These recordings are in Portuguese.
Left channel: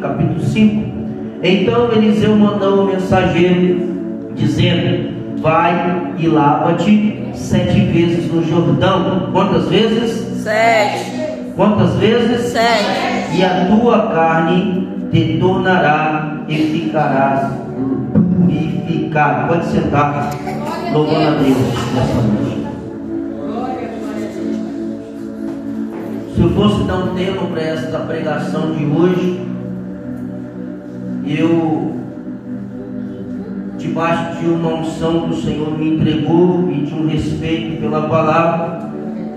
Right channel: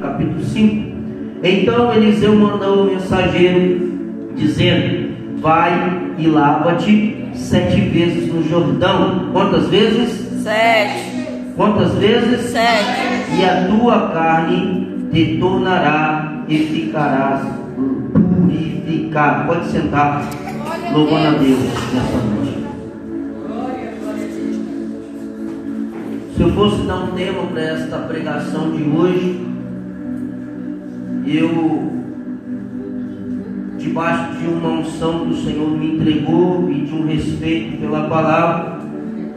capítulo 5. Então Eliseu mandou o mensageiro, dizendo: vai e lava-te 7 vezes no Jordão. Quantas vezes? 7. Quantas vezes? 7. E a tua carne te tornará e ficarás purificado. Pode sentar, louvando a Deus nessa noite. Se eu fosse dar um tema para esta pregação de hoje, eu, debaixo de uma unção que o Senhor me entregou e de um respeito pela palavra,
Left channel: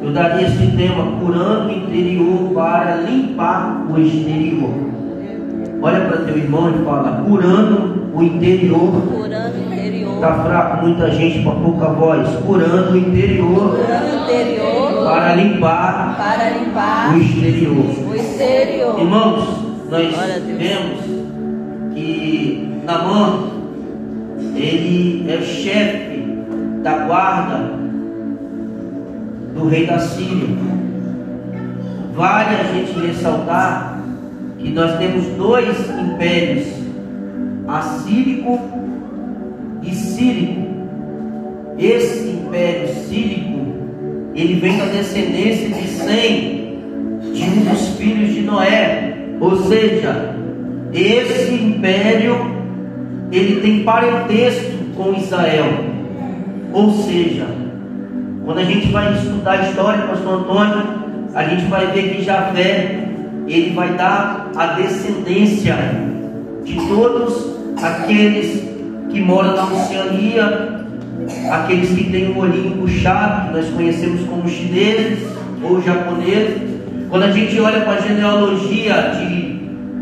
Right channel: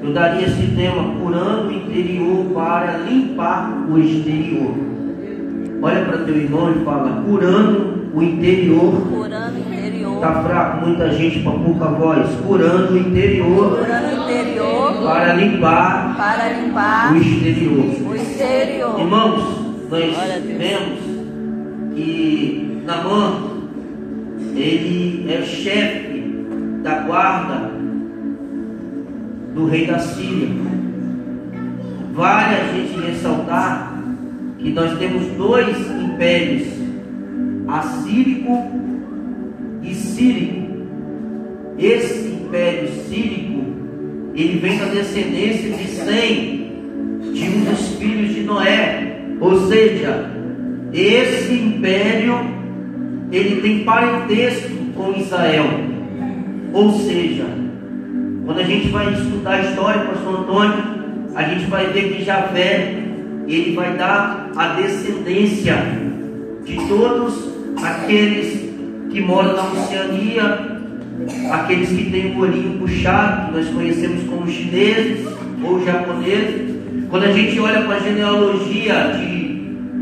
eu daria esse tema: curando o interior para limpar o exterior. Olha para teu irmão e fala: curando o interior. Curando o interior. Está fraco, muita gente para pouca voz. Curando o interior. Curando o interior. Para limpar. Para limpar o exterior. O exterior. Irmãos, nós vemos que Naamã, ele é o chefe da guarda do rei da Síria. Vale a gente ressaltar que nós temos 2 impérios, assírico e sírico. Esse império sírico, ele vem da descendência de Sem, de um dos filhos de Noé. Ou seja, esse império, ele tem parentesco com Israel. Ou seja, quando a gente vai estudar a história, pastor Antônio, a gente vai ver que Javé, ele vai dar a descendência de todos aqueles que moram na Oceania, aqueles que têm um olhinho puxado, que nós conhecemos como chineses ou japoneses. Quando a gente olha para a genealogia de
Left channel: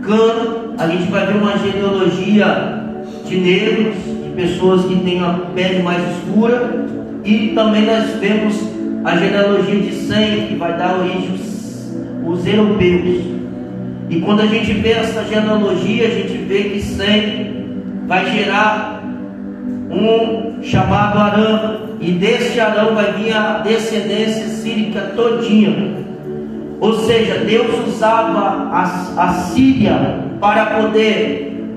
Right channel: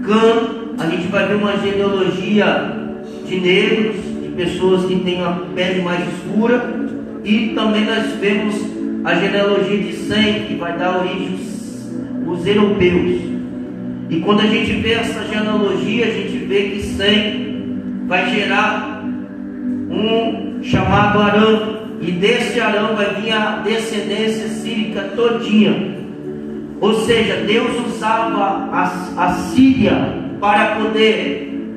Cã, a gente vai ver uma genealogia de negros, de pessoas que têm a pele mais escura, e também nós vemos a genealogia de Sem, que vai dar origem aos europeus. E quando a gente vê essa genealogia, a gente vê que Sem vai gerar um chamado Arã, e desse Arã vai vir a descendência sírica todinha. Ou seja, Deus usava a Síria para poder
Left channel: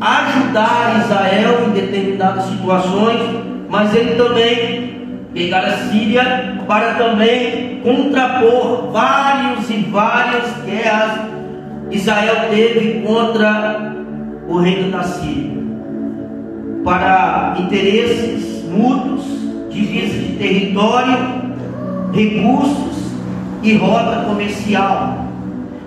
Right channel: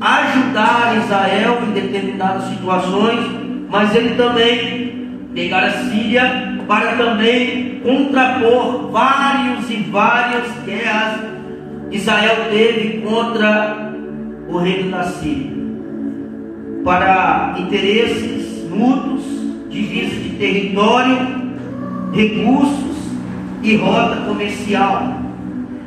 ajudar Israel em determinadas situações, mas ele também pegar a Síria para também contrapor várias guerras que Israel teve contra o reino da Síria, para interesses mútuos, divisa de território, recursos e rota comercial.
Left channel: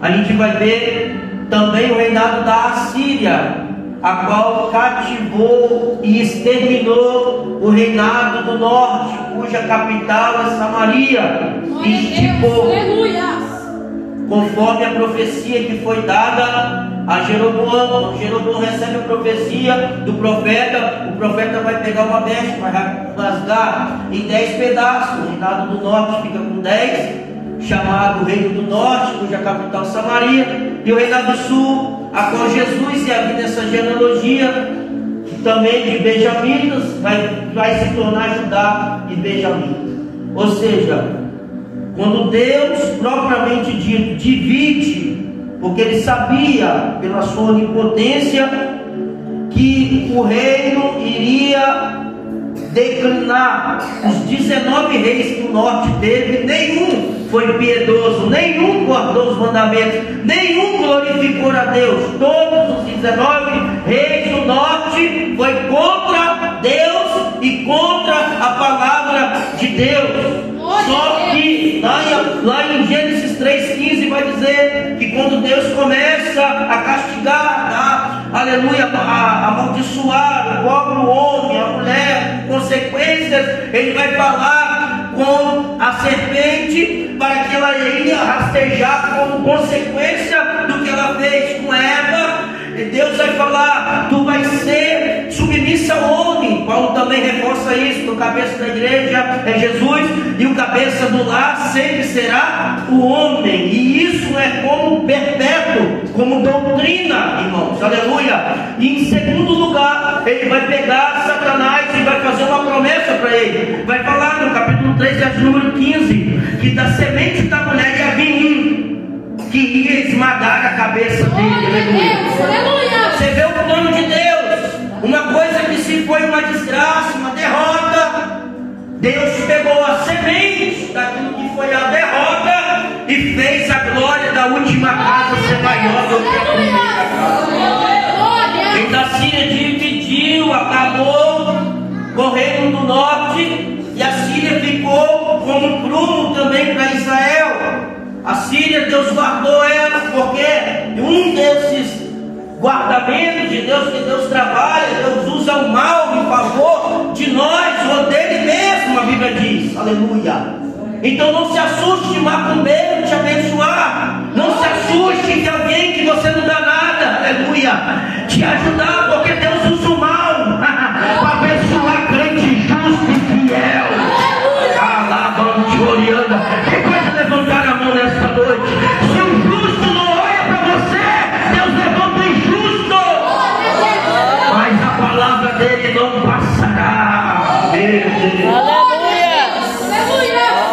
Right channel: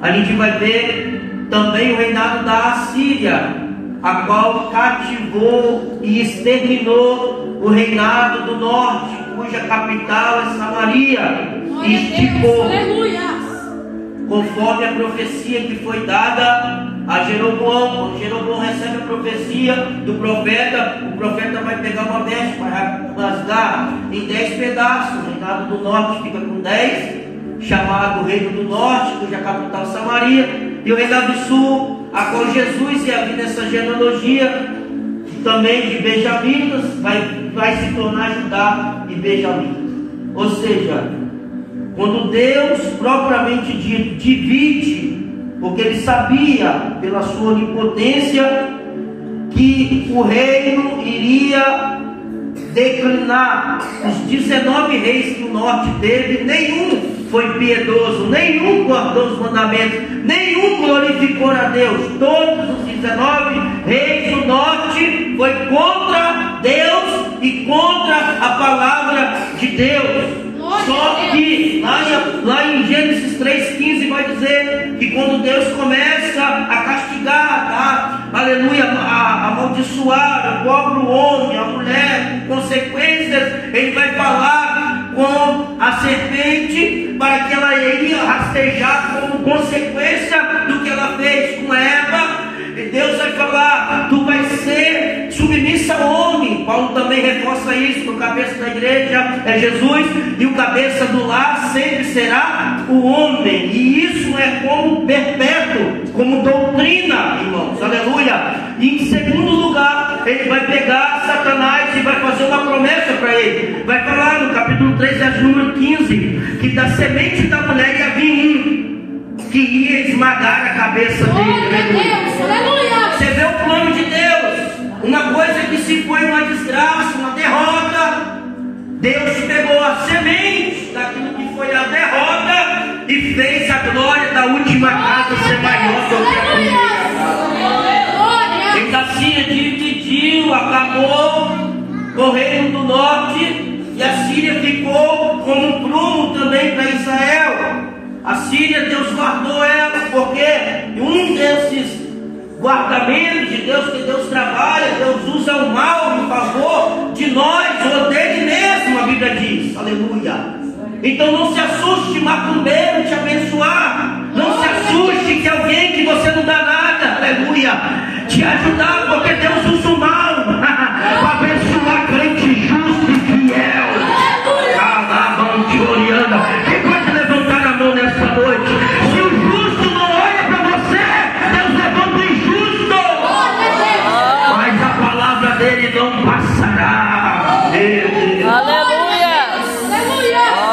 A gente vai ver também o reinado da Assíria, a qual cativou e exterminou o reinado do norte, cuja capital é Samaria, e esticou, conforme a profecia que foi dada a Jeroboão. Jeroboão recebe a profecia do profeta, o profeta vai pegar uma veste, vai rasgar em 10 pedaços. O reinado do norte fica com 10, chamado Reino do Norte, cuja capital é Samaria, e o reinado do sul, a qual Jesus ia vir nessa genealogia também de Benjamitas, vai se tornar Judá e Benjamim. Ou seja, quando Deus propriamente dito divide, porque ele sabia pela sua onipotência que o reino iria declinar. Os 19 reis que o norte teve, nenhum foi piedoso, nenhum guardou os mandamentos, nenhum glorificou a Deus. Todos os 19 reis do norte foi contra Deus e contra a palavra de Deus. Só que lá em Gênesis 3,15 vai dizer que quando Deus começa a castigar, aleluia, a amaldiçoar o pobre homem, a mulher, consequências, ele vai falar com a serpente para que ela iria rastejar como consequência do que ela fez com Eva. E Deus vai falar: tu vais ser submissa ao homem. Paulo também reforça isso, que o cabeça da igreja é Jesus, e o cabeça do lar sempre será o homem. E isso é como perpétuo, como doutrina, irmãos, aleluia. E em segundo lugar, ele vai pegar Satanás e vai fazer uma promessa para ele. Vai falar no capítulo 3, verso número 15, que da semente da mulher ia vir um que ia esmagar a cabeça dele. Você vê o plano de Deus. Uma coisa que se foi uma desgraça, uma derrota, Deus pegou a semente daquilo que foi a derrota e fez a glória da última casa ser maior do que a primeira. Fez a Síria dividiu, acabou com o reino do norte, e a Síria ficou como um prumo também para Israel. A Síria, Deus guardou ela, porque um desses guardamentos de Deus, que Deus trabalha, Deus usa o mal em favor de nós, ou dele mesmo, a Bíblia diz, aleluia. Então não se assuste de macumbeiro te abençoar, não se assuste que alguém que você não dá nada, aleluia, te ajudar, porque Deus usa o mal para abençoar crente justo e fiel. Alabando, quem pode levantar a mão nessa noite? Se o justo não olha para você, Deus levanta o injusto, mas a palavra dele não passará. Aleluia.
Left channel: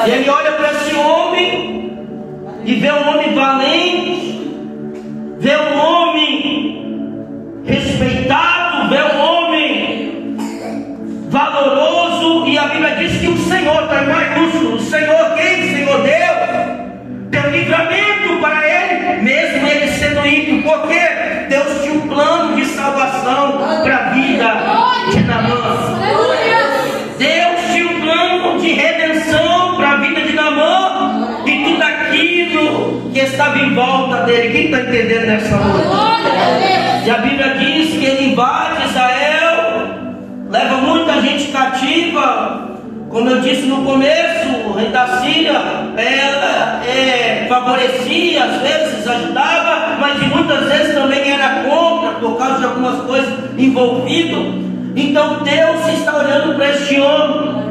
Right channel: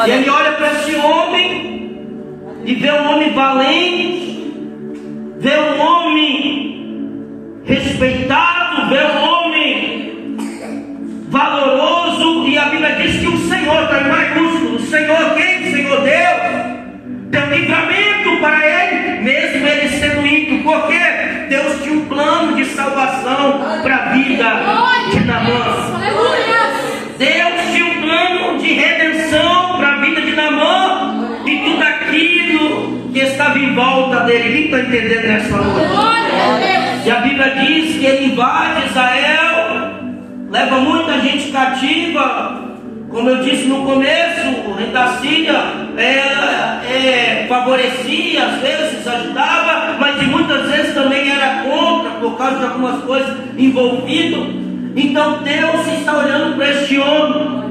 E ele olha para esse homem e vê um homem valente, vê um homem respeitado, vê um homem valoroso, e a Bíblia diz que o Senhor, está em maiúsculo, o Senhor, quem? O Senhor Deus, deu livramento para ele, mesmo ele sendo ímpio, porque Deus tinha um plano de salvação para a vida de Naamã. Deus tinha um plano de redenção para a vida de Naamã e tudo aquilo que estava em volta dele. Quem está entendendo nessa noite? E a Bíblia diz que ele invade Israel, leva muita gente cativa. Como eu disse no começo, o rei da Síria favorecia, às vezes ajudava, mas muitas vezes também era contra, por causa de algumas coisas envolvidas. Então Deus está olhando para este homem,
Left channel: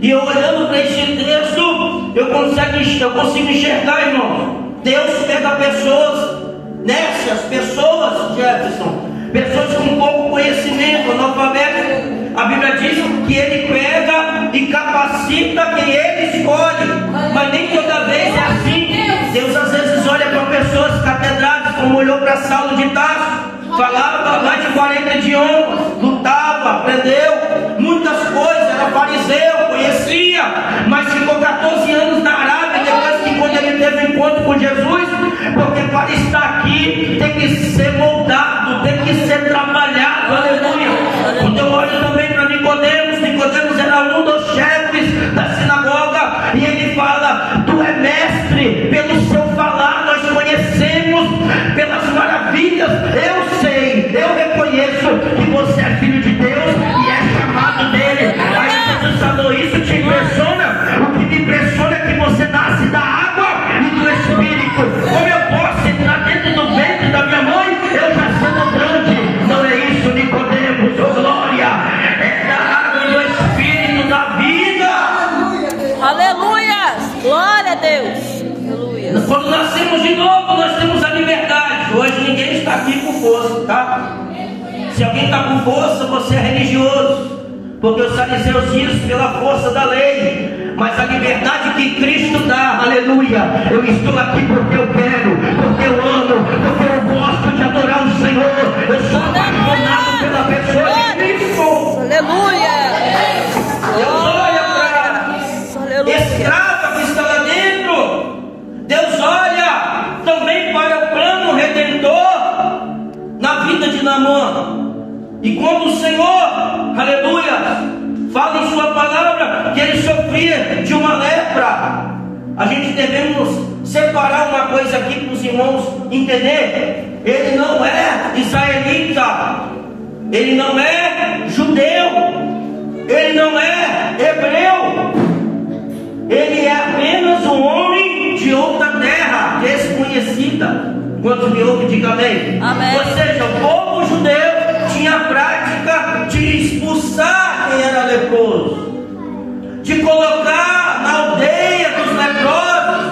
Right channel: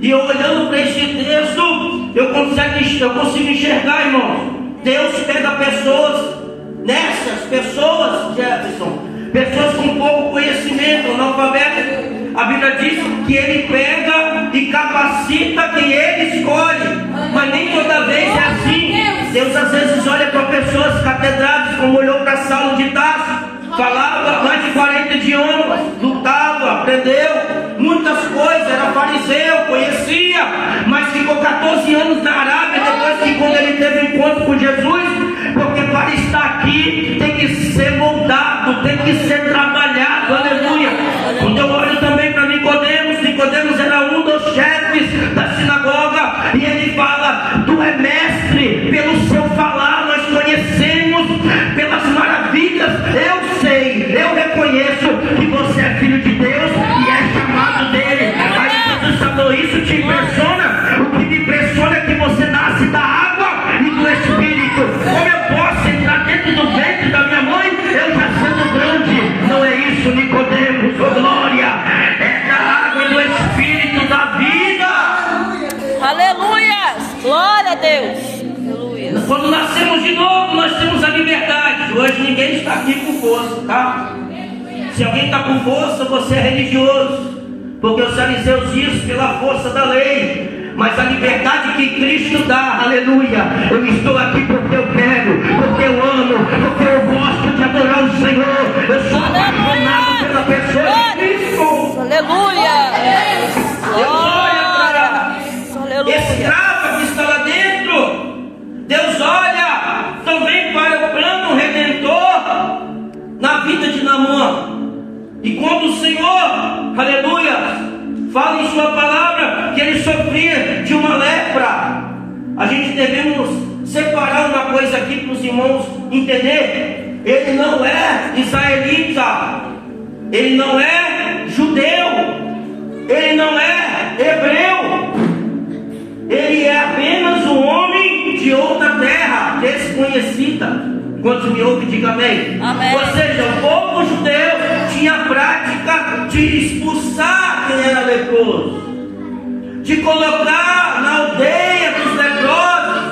e eu olhando para este texto, eu consigo enxergar, irmão. Deus pega pessoas, nessas pessoas, Jefferson, pessoas com pouco conhecimento, analfabetas. A Bíblia diz que ele pega e capacita quem ele escolhe, mas nem toda vez é assim. Deus às vezes olha para pessoas catedradas, como olhou para Saulo de Tarso, falava mais de 40 idiomas, lutava, aprendeu muitas coisas, era fariseu, conhecia, mas ficou 14 anos na Arábia, depois que quando ele teve um encontro com Jesus, porque para estar aqui tem que ser moldado, tem que ser trabalhado, aleluia. Quando eu olho também para Nicodemos era um dos chefes da sinagoga, e ele fala: tu é mestre, pelo seu falar nós conhecemos, pelas maravilhas, eu sei, eu reconheço que você é filho de Deus e é chamado dele. Aí Jesus falou: isso te impressiona? O que me impressiona é que você nasce da água e do Espírito. Como eu posso entrar dentro do ventre da minha mãe, eu já sendo grande? Não é isso, Nicodemos, oh glória, é da água e do Espírito da vida. Aleluia. Glória a Deus. Aleluia. Quando nascemos de novo, nós temos a liberdade. Hoje ninguém está aqui com força, tá? Se alguém está com força, você é religioso, porque os fariseus dizem pela força da lei, mas a liberdade que Cristo dá, aleluia. Eu estou aqui porque eu quero, porque eu amo, porque eu gosto de adorar o Senhor. Eu sou apaixonado pela pessoa de Cristo. Aleluia. Deus olha para a Aleluia. escrava que está lá dentro. Deus olha também para o plano redentor na vida de Naamã. E quando o Senhor, aleluia, fala em sua palavra que ele sofria de uma lepra, a gente devemos separar uma coisa aqui para os irmãos entender. Ele não é israelita, ele não é judeu, ele não é hebreu, ele é apenas um homem de outra terra desconhecida. Quantos me ouvem, diga amém. Amém. Ou seja, o povo judeu tinha a prática de expulsar quem era leproso, de colocar na aldeia dos leprosos,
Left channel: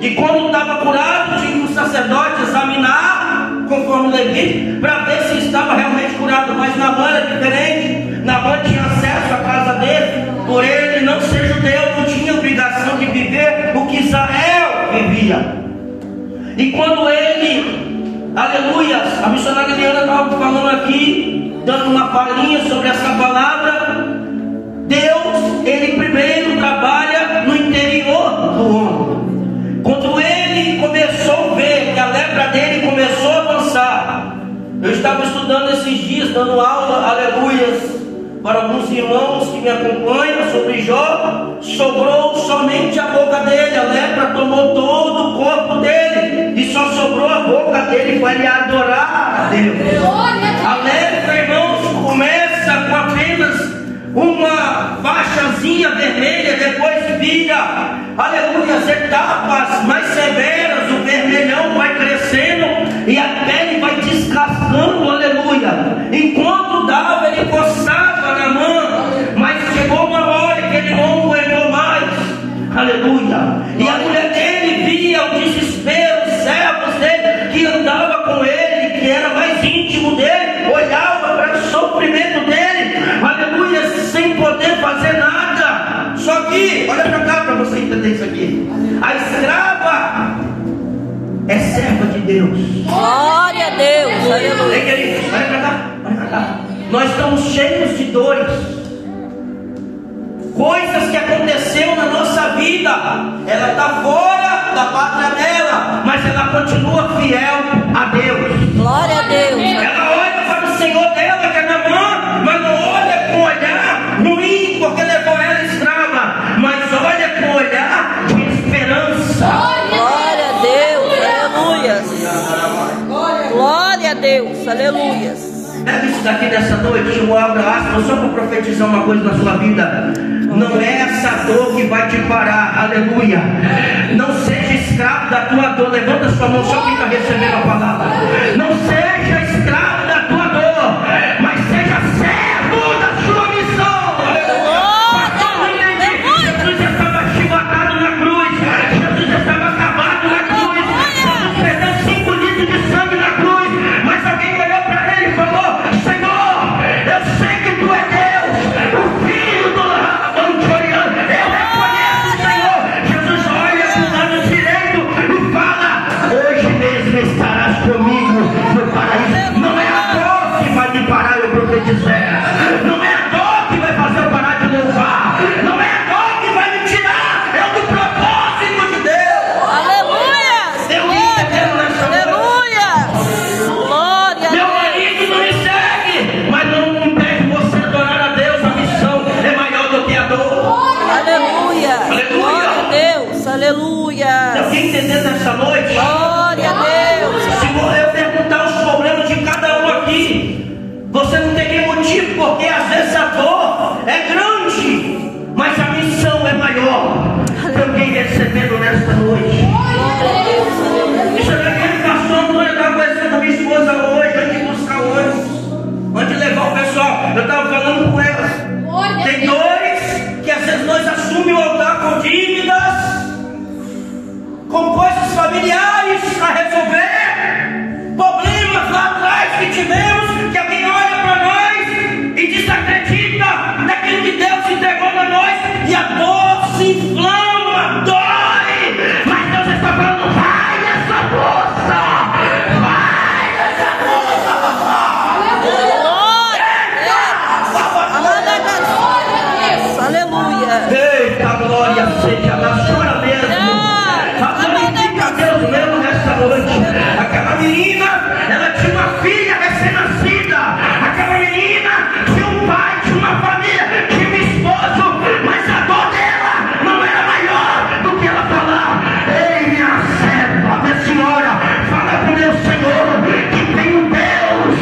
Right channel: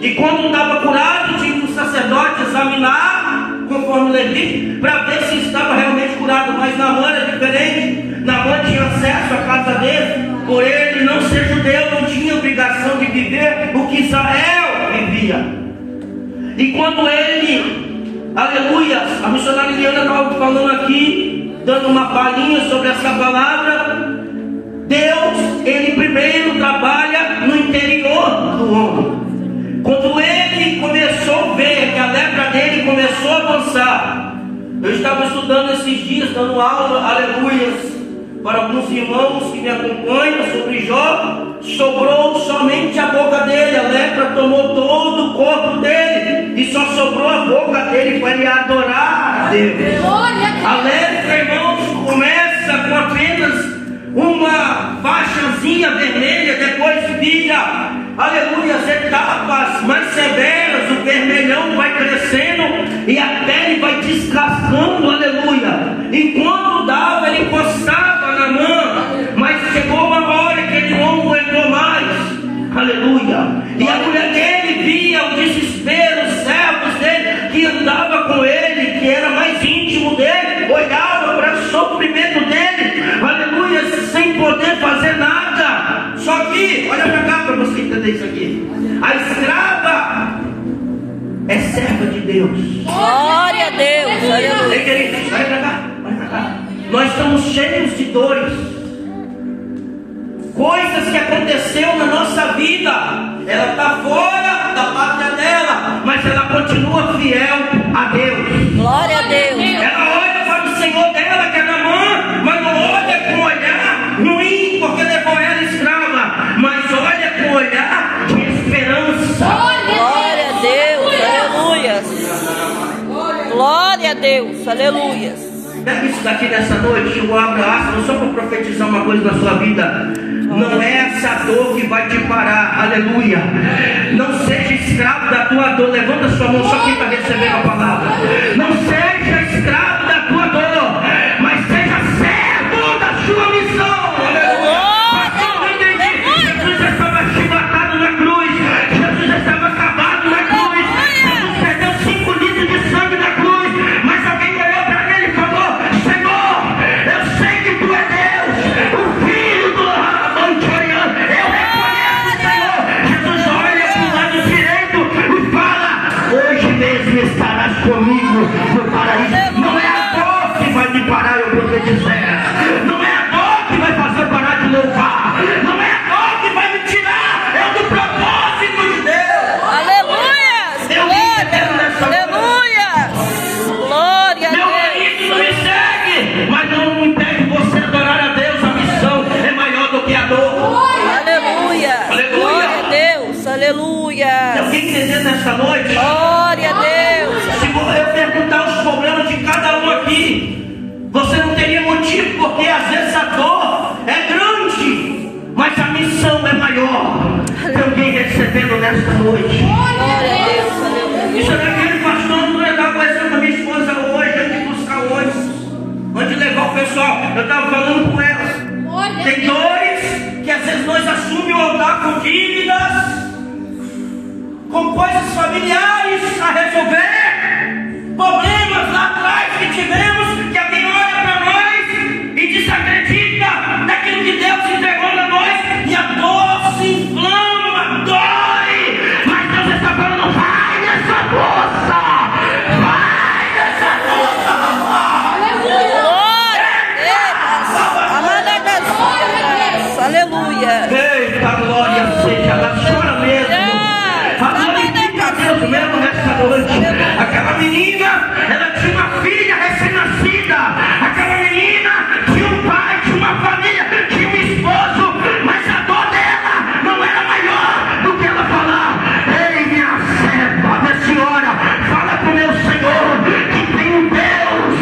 e quando estava curado, tinha que o sacerdote examinar, conforme Levítico, para ver se estava realmente curado. Mas Naamã era diferente. Naamã tinha acesso à casa dele, por ele não ser judeu, não tinha obrigação de viver o que Israel vivia. E quando ele Aleluia. A missionária Leandra estava falando aqui, dando uma palhinha sobre essa palavra. Deus, Ele primeiro trabalha no interior do homem. Quando Ele começou a ver que a lepra dele começou a avançar, eu estava estudando esses dias, dando aula, aleluias, para alguns irmãos que me acompanham sobre Jó. Sobrou somente a boca dele, a lepra tomou todo o corpo dele, e só sobrou a boca dele para ele adorar a Deus. A lepra, irmãos, começa com apenas uma faixazinha vermelha, depois vira, aleluia, as etapas mais severas, o vermelhão vai crescendo e a pele vai descascando, aleluia. Enquanto dava, ele coçava na mão, mas chegou uma hora que ele não aguentou mais, aleluia. E a mulher dele via o desespero, os servos dele que andava com ele, que era mais íntimo dele, olhava para o sofrimento dele, aleluia, sem poder fazer nada. Só que, olha para cá para você entender isso aqui. A escrava é serva de Deus. Glória a Deus. Aleluia. Queridos, olha para cá, olha para cá. Nós estamos cheios de dores, coisas que aconteceu na nossa vida. Ela está fora da pátria dela, mas ela continua fiel a Deus. Glória a Deus. Ela olha para o Senhor dela, que é Naamã, mas não olha com olhar ruim, porque levou ela escrava, mas olha com olhar de esperança. Glória a Deus. Aleluia. Glória a Deus. Aleluia. Pega isso daqui nessa noite, eu abro aspas, só para profetizar uma coisa na sua vida. Não é essa dor que vai te parar, aleluia. Não seja escravo da tua dor. Levanta sua mão só quem está recebendo a palavra. Não seja escravo da tua dor, mas seja servo da sua missão. Jesus estava chibatado na cruz, Jesus estava acabado na cruz, Jesus perdeu 5 litros de sangue na cruz, mas alguém olhou para ele e falou: Senhor, eu sei que tu é Deus, o Filho do Antoniano, eu reconheço, Senhor. Jesus olha para o lado direito e fala: hoje mesmo estarás comigo no paraíso. Não é a dor que vai me parar, eu profetizar. Não é a dor que vai fazer eu parar de louvar. Não é a dor que vai me tirar, é o do propósito de Deus. Aleluia. Aleluia. Glória a Meu Deus. marido não me segue, mas não impede você adorar a Deus. A missão é maior do que a dor. Aleluia. Glória a Deus. Aleluia. Alguém entendendo nessa noite? Glória a Deus. Se eu perguntar os problemas de cada um aqui, você não teria motivo, porque às vezes a dor é grande, mas a missão é maior. Tem alguém recebendo nessa noite? Glória a Deus. Aleluia. Isso aqui, pastor, não vou levar conhecendo a minha esposa hoje, antes de buscar hoje, antes de levar o pessoal. Eu estava falando com ela. Tem dores que às vezes nós assumimos o altar com dívidas, com coisas familiares a resolver, problemas lá atrás que tivemos, que alguém olha para nós e desacredita daquilo que Deus entregou para nós, e a dor se inflama, dói, mas Deus está falando: vai nessa força, vai nessa força. Glória a Deus. Aleluia. Eita, glória seja da sua mesmo. Glorifica a Deus mesmo nessa noite. Aquela menina, ela tinha uma filha recém-nascida. Aquela menina tinha um pai, tinha uma família, tinha um esposo, mas a dor dela não era maior do que ela falar: ei, minha serva, minha senhora, fala para o meu Senhor que tem um Deus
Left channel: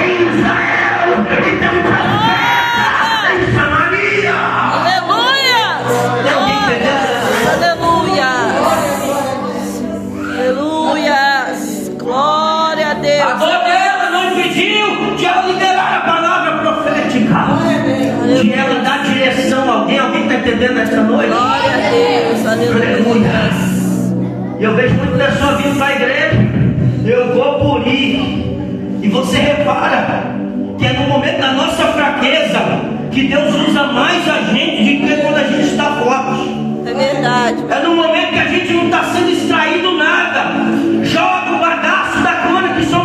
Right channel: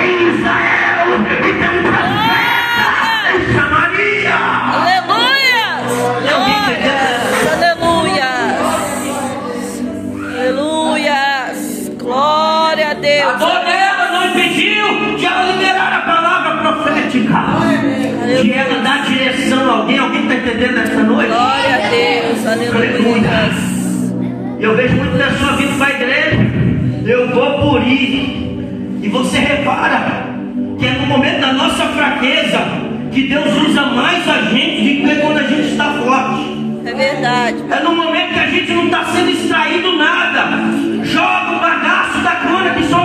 em Israel e tem um profeta em Samaria. Aleluia. Aleluia. Aleluia. Glória a A Deus. dor dela não impediu de ela liberar a palavra profética, de ela dar direção a alguém. Alguém está entendendo esta noite? Glória a Deus. Aleluia. Eu vejo muito pessoas vindo para a igreja: eu vou por ir. E você repara que é no momento da nossa fraqueza que Deus usa mais a gente do que quando a gente está forte. É verdade. É no momento que a gente não está sendo extraído nada. Joga o bagaço da cana que só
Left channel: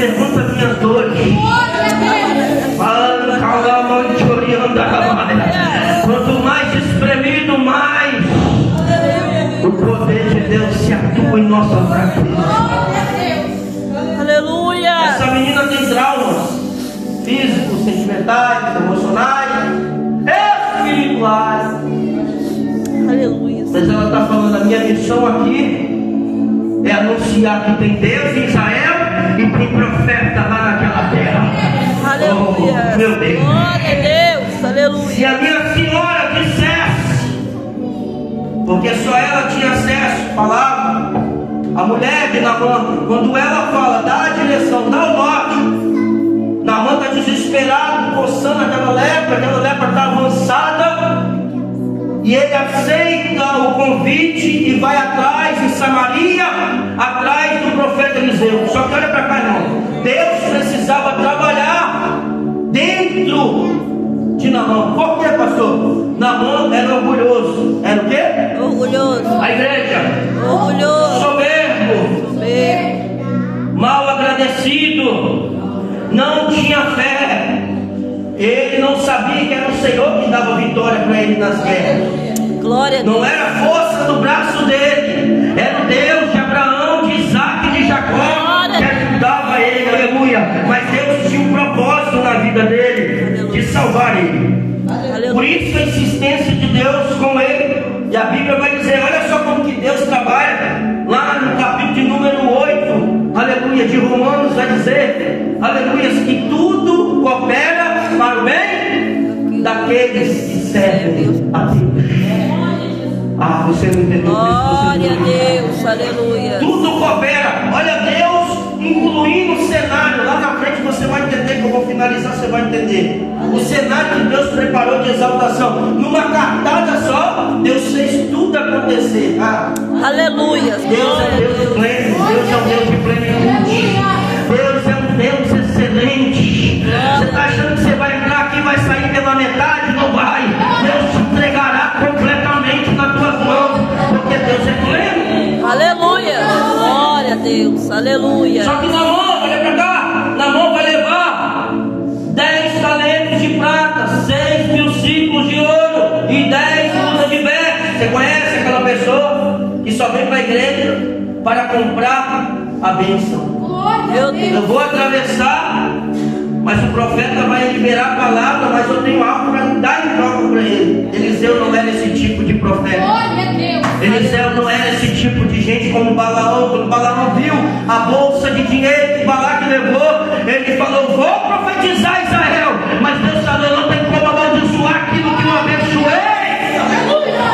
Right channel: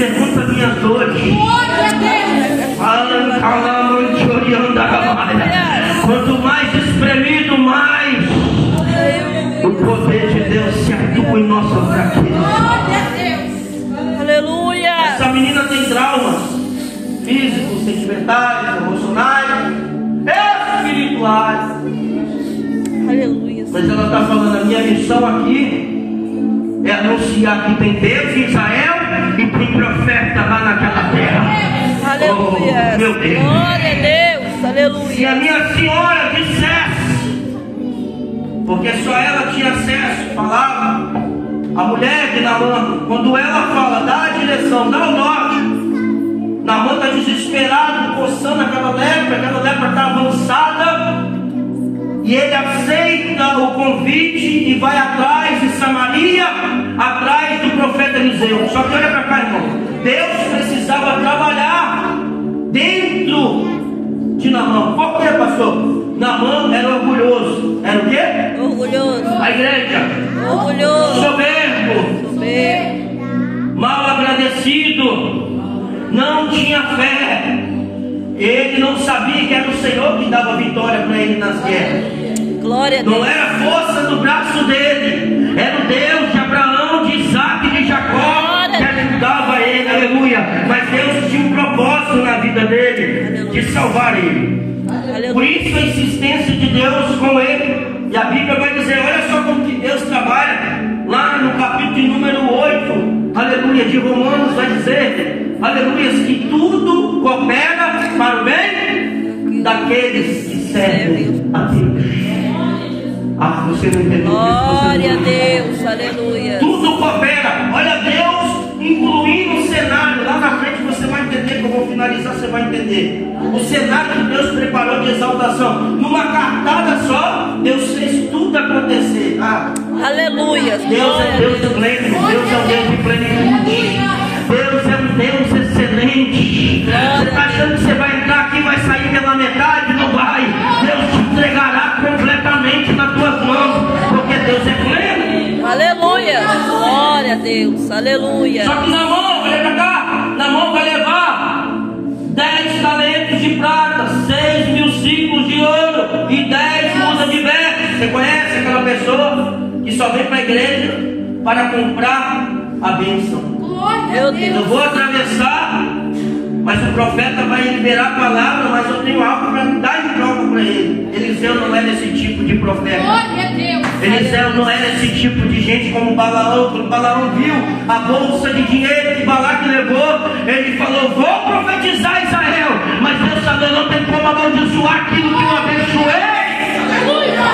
pergunta minhas dores. Quanto mais espremido, mais o poder de Deus se atua em nossa fraqueza. Aleluia. Essa menina tem traumas físicos, sentimentais, emocionais, espirituais. Aleluia. Mas ela está falando: a minha missão aqui é anunciar que tem Deus em Israel e tem profeta lá naquela terra. Aleluia. Oh, meu Deus. Glória a Deus. Se Aleluia. a minha senhora dissesse, porque só ela tinha acesso, falava, a mulher de Naamã, quando ela fala, dá a direção, dá o norte, Naamã está desesperado, coçando aquela lepra está avançada, e ele aceita o convite e vai atrás de Samaria, atrás do profeta Eliseu. Só que olha para cá, irmão, Deus precisava trabalhar dentro de Naamã. Por quê, pastor? Naamã era orgulhoso. Era o quê? Orgulhoso. A igreja. Orgulhoso. Soberbo. Soberbo. Mal agradecido. Não tinha fé. Ele não sabia que era o Senhor que dava vitória para ele nas guerras. Glória a Deus. Não era a força do braço dele. Era o Deus de Abraão, de Isaac e de Jacó que ajudava ele. Aleluia. Mas Deus tinha um propósito na vida dele, de salvar ele. Aleluia. Por isso a insistência de Deus com ele. E a Bíblia vai dizer, olha só como que Deus trabalha. Lá no capítulo número 8, aleluia, de Romanos, vai dizer, aleluia, que tudo coopera para o bem daqueles que servem a Deus. Ah, você não entendeu? Glória a Deus. Aleluia. Tudo coopera. Olha, Deus incluindo o cenário. Lá na frente você vai entender, que eu vou finalizar, você vai entender. O cenário que Deus preparou de exaltação. Numa cartada só, Deus fez tudo acontecer. Ah, Aleluia. Deus Glória é a Deus Deus. pleno. Deus é um Deus de plenitude. Deus é um Deus excelente. Você está achando que você vai entrar aqui e vai sair pela metade? Não vai. Deus te entregará completamente nas tuas mãos, porque Deus é pleno. Aleluia. Glória a Deus. Aleluia. Só que Naamã, olha para cá, Naamã vai levar 10 talentos de prata, 6.000 ciclos de ouro e 10 mudas de vestes. Você conhece aquela pessoa que só vem para a igreja para comprar a bênção? Meu Deus. Eu vou atravessar, mas o profeta vai liberar a palavra, mas eu tenho algo para dar em troca para ele. Eliseu não era esse tipo de profeta. Eliseu não era esse tipo de gente como Balaão. Quando Balaão viu a bolsa de dinheiro que Balaque levou, ele falou, vou profetizar Israel. Mas Deus falou, não tem como amaldiçoar aquilo que eu abençoei.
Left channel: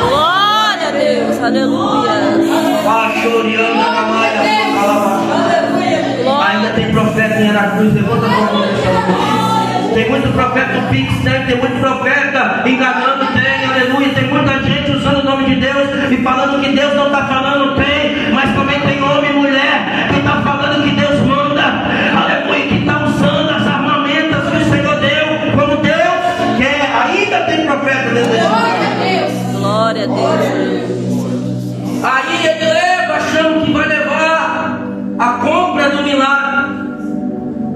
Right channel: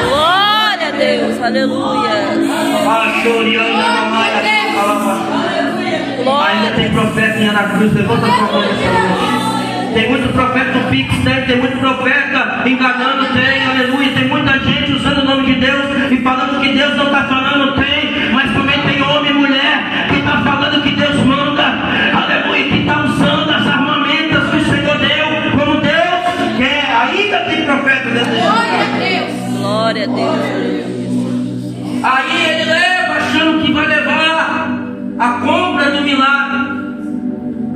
Glória a Deus. Aleluia. Ainda tem profeta em Anacruz, levanta a mão. Tem muito profeta no Pix, tem muito profeta enganando, tem, aleluia. Tem muita gente usando o nome de Deus e falando que Deus não está falando, tem. Mas também tem homem e mulher que está falando que Deus manda, aleluia, que está usando as armamentas que o Senhor deu, como Deus quer. Ainda tem profeta dentro de Deus. Glória a Deus. Aí ele leva, achando que vai levar a compra do milagre,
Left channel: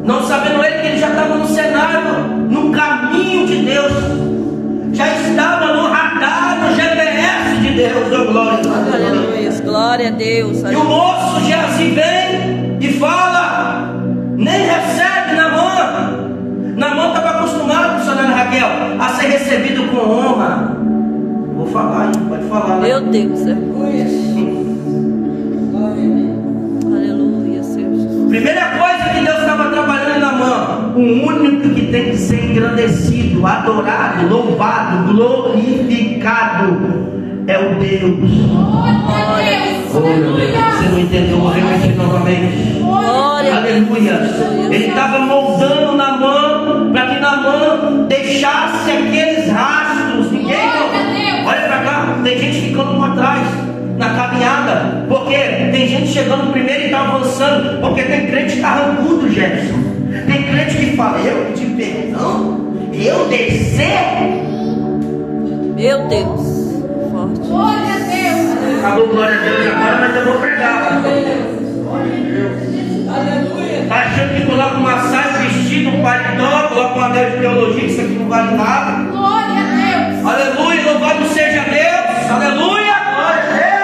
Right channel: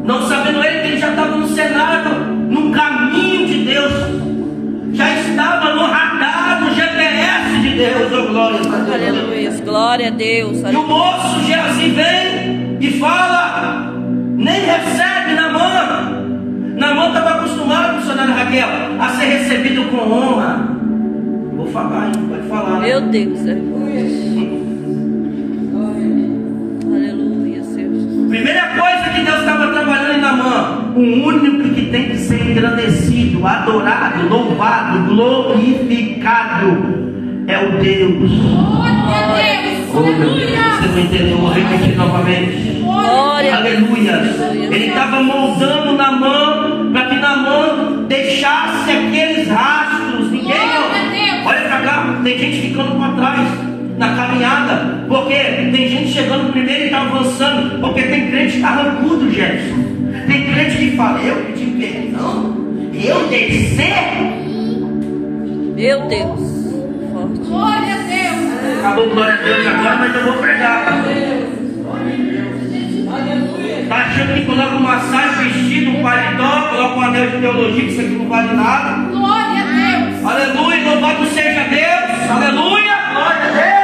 não sabendo ele que ele já estava no cenário, no caminho de Deus, já estava no radar, no GPS de Deus. Oh, glória a Deus. Aleluia. Glória a Deus. E o moço Geazi vem e fala, nem recebe Naamã. Naamã estava acostumado, missionária Raquel, a ser recebido com honra. Vou falar, hein? Pode falar. Né? Meu Deus. Aleluia, Senhor. Primeira coisa que Deus estava trabalhando em Naamã, o único que tem que ser engrandecido, adorado, louvado, glorificado é o Deus. Glória a Deus. Oh, meu Deus, você não entendeu, vou repetir novamente. Glória a Deus. Aleluia. Ele estava moldando Naamã para que Naamã deixasse aqueles rastros. Ninguém. Olha para cá, tem gente ficando para trás na caminhada, porque tem gente chegando primeiro e está avançando, porque tem crente que está arrancudo, Jefferson. Tem crente que fala, eu pedi perdão, eu descer. Meu Deus. Forte. Glória a Deus. Acabou, glória a Deus agora, mas eu vou pregar. Está achando que coloca uma saia, vestido, um paletó, coloca um anel de teologia, que isso aqui não vale nada. Glória a Deus. Aleluia, louvado seja Deus. Aleluia, glória a Deus.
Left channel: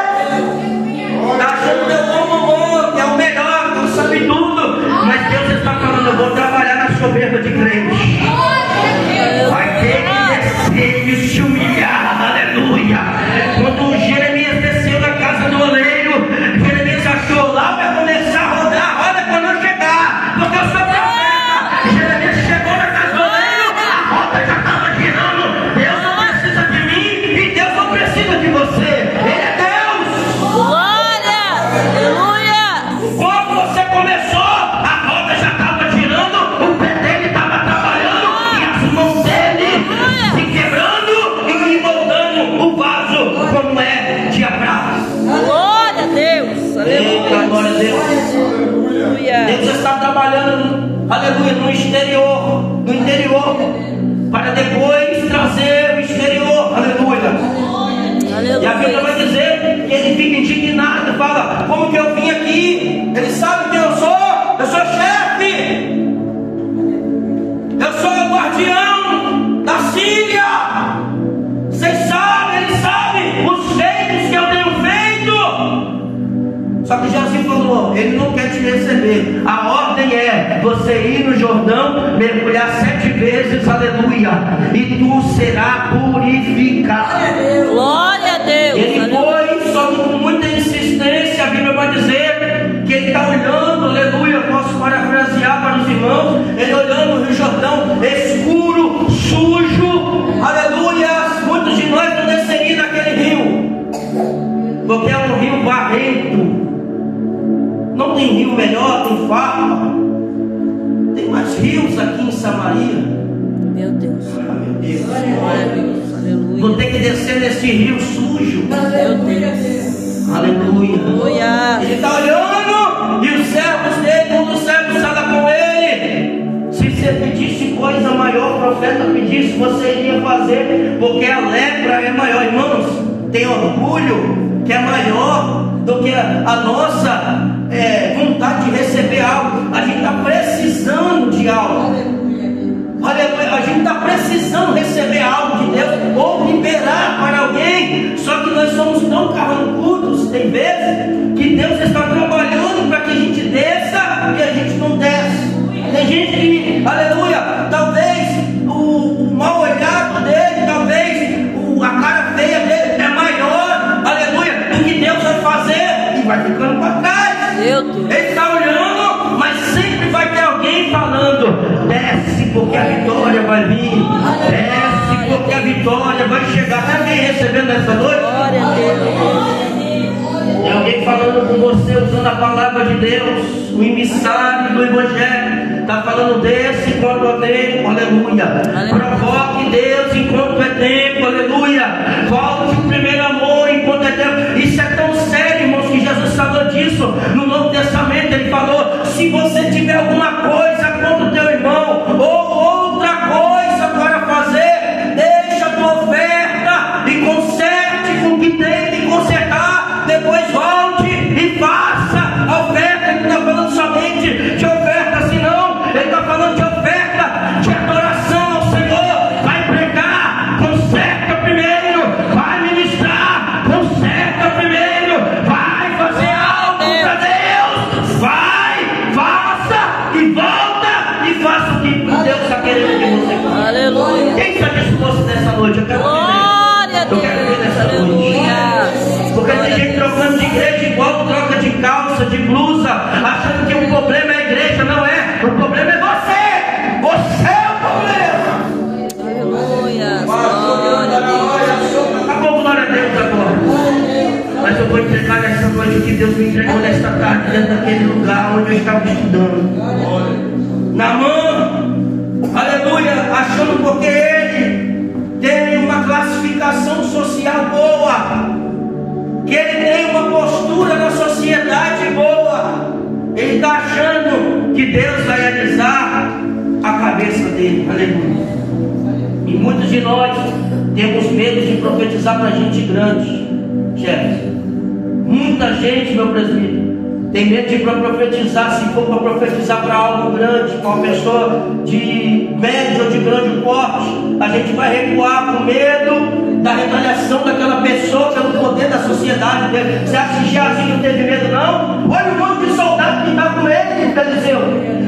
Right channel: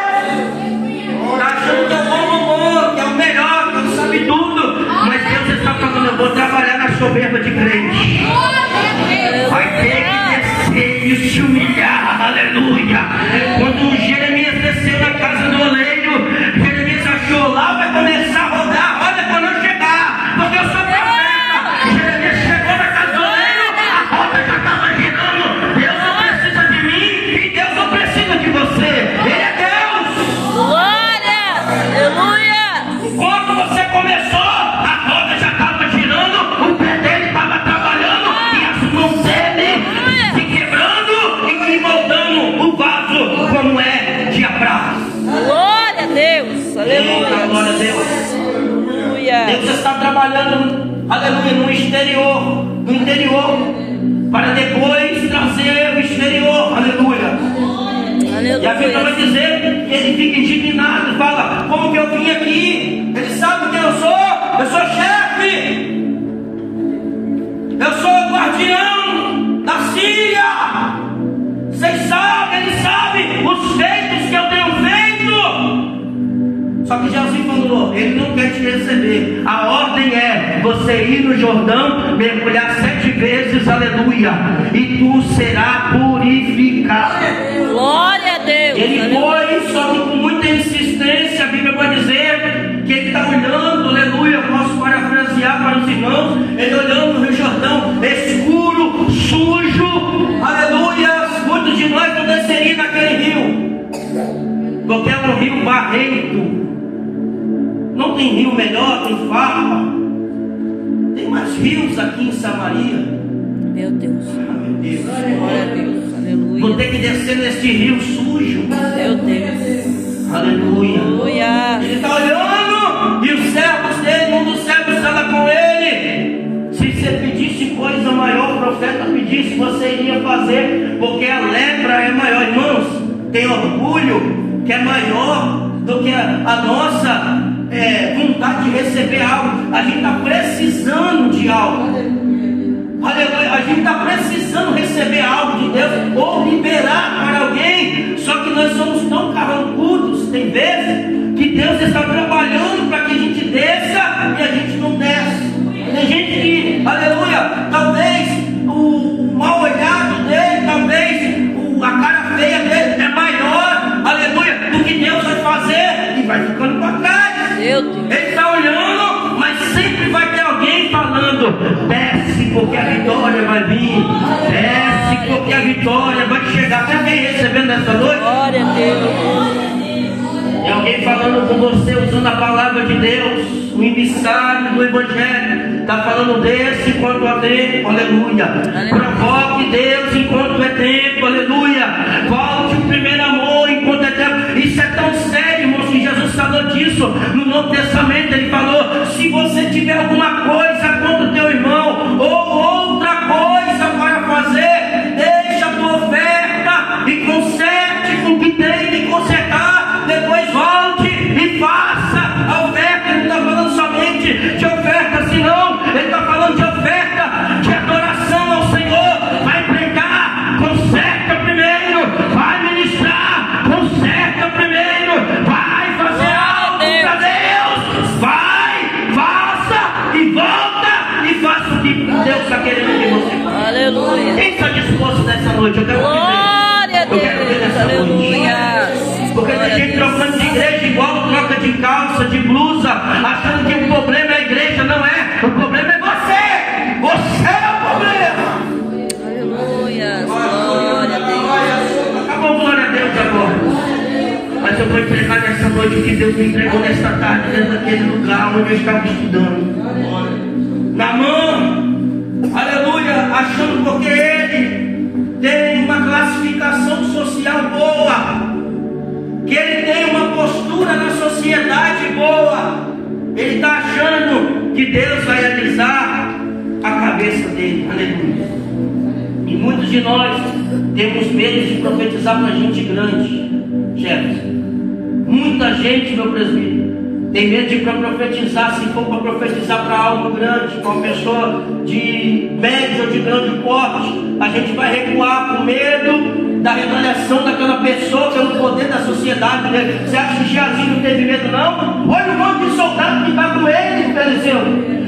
Está achando que é o bom, que é o melhor, que não sabe tudo. Mas Deus está falando, eu vou trabalhar na soberba de crente. Glória a Deus. Vai ter que descer e se humilhar. Aleluia. Quando Jeremias desceu na casa do oleiro, Jeremias achou lá, vai começar a rodar. Olha quando eu chegar, porque eu sou profeta. Jeremias chegou na casa do oleiro, a roda já estava girando. Deus não precisa de mim e Deus não precisa de você. Ele é Deus. Glória! Aleluia! Quando você começou, a roda já estava girando, o pé dele estava trabalhando e as mãos dele se quebrando e moldando o vaso como é de prata. Glória a Deus! Eita, glória a Deus. Aleluia! Deus está trabalhando, aleluia, no interior, para depois trazer o exterior, aleluia. E a Bíblia vai Aleluia! dizer que ele fica indignado, fala, como que eu vim aqui? Ele sabe quem eu sou chefe, eu sou o guardião da Síria. Vocês sabem, ele sabe os feitos que eu tenho feito. Só que Jesus falou, ele não quer te receber. A ordem é você ir no Jordão, mergulhar 7 vezes, aleluia, e tu será purificado. Glória a Deus! Ele Aleluia! foi, só que com muita insistência. A Bíblia vai dizer que ele está olhando, aleluia, posso parafrasear para os irmãos, ele olhando o Rio Jordão, escuro, sujo, aleluia. Muitos de nós não desceriam naquele rio, porque é um rio barrento. Não tem rio melhor, tem farpa. Tem mais rios aqui em Samaria. Meu Deus! Meu Deus. Glória a Deus! Vou Aleluia! ter que descer nesse rio sujo. Meu Deus! Aleluia. Aleluia! Ele está olhando e os servos dele, um dos servos estava com ele. Se você pedisse coisa maior, o profeta pedisse, você iria fazer, porque a lepra é maior. Irmãos, tem orgulho que é maior do que a nossa vontade de receber algo. A gente está precisando de algo. Aleluia. A gente está precisando receber algo de Deus ou liberar para alguém. Só que nós somos tão carrancudos, tem vezes, que Deus está trabalhando para que a gente desça e a gente não desce. Tem gente que, aleluia, talvez o mal olhado dele, talvez a cara feia dele é maior, aleluia, do que Deus vai fazer e vai ficando para trás. Meu Deus! Ele está olhando, mas sempre vai ter alguém falando: desce porque a vitória vai vir, desce porque a vitória vai chegar. Tem alguém recebendo essa noite? Glória a Deus! Tem alguém falando com você, usando a palavra de Deus, o emissário do Evangelho. Está falando desse enquanto é tempo, aleluia. Provoque Deus enquanto é tempo, aleluia. Volte o primeiro amor enquanto é tempo. Isso é tão sério, irmãos, que Jesus falou disso no Novo Testamento. Ele falou: se você tiver alguma coisa contra o teu irmão, ou outra coisa para fazer, deixa a tua oferta e conserte com o que tem de consertar. Depois volte e faça a oferta. Ele não está falando somente de oferta, senão ele está falando de oferta de adoração ao Senhor. Vai pregar, conserta primeiro. Vai ministrar, conserta primeiro. Vai fazer algo para Deus. Vai, faça e volta e faça o que Deus está querendo que você faça. Aleluia! Quem está disposto nessa noite? Eu quero Glória a Deus! Aleluia! Porque tem gente trocando de igreja igual troca de calça, de blusa, achando que o problema é a igreja. Não é, o problema é você. Você é o problema. Aleluia! Glória a Deus! Acabou, glória a Deus agora. Mas eu vou entregar nessa noite o que Deus me entregou nesta tarde, dentro daquele lugar onde eu estava estudando. Na mão, aleluia, achando porque ele tem uma classificação social boa, que ele tem uma postura na sociedade boa. Ele está achando que Deus vai alisar a cabeça dele, aleluia. E muitos de nós temos medo de profetizar para gente grande, Jefferson. Muita gente, meu presbítero, Tem medo de ir para profetizar, se for para profetizar para algo grande, para uma pessoa de médio ou de grande porte, a gente vai recuar com medo da retaliação daquela pessoa pelo poder da sociedade dele. Você acha que Geazi não teve medo, não? Olha o monte de soldado que está com ele, Eliseu.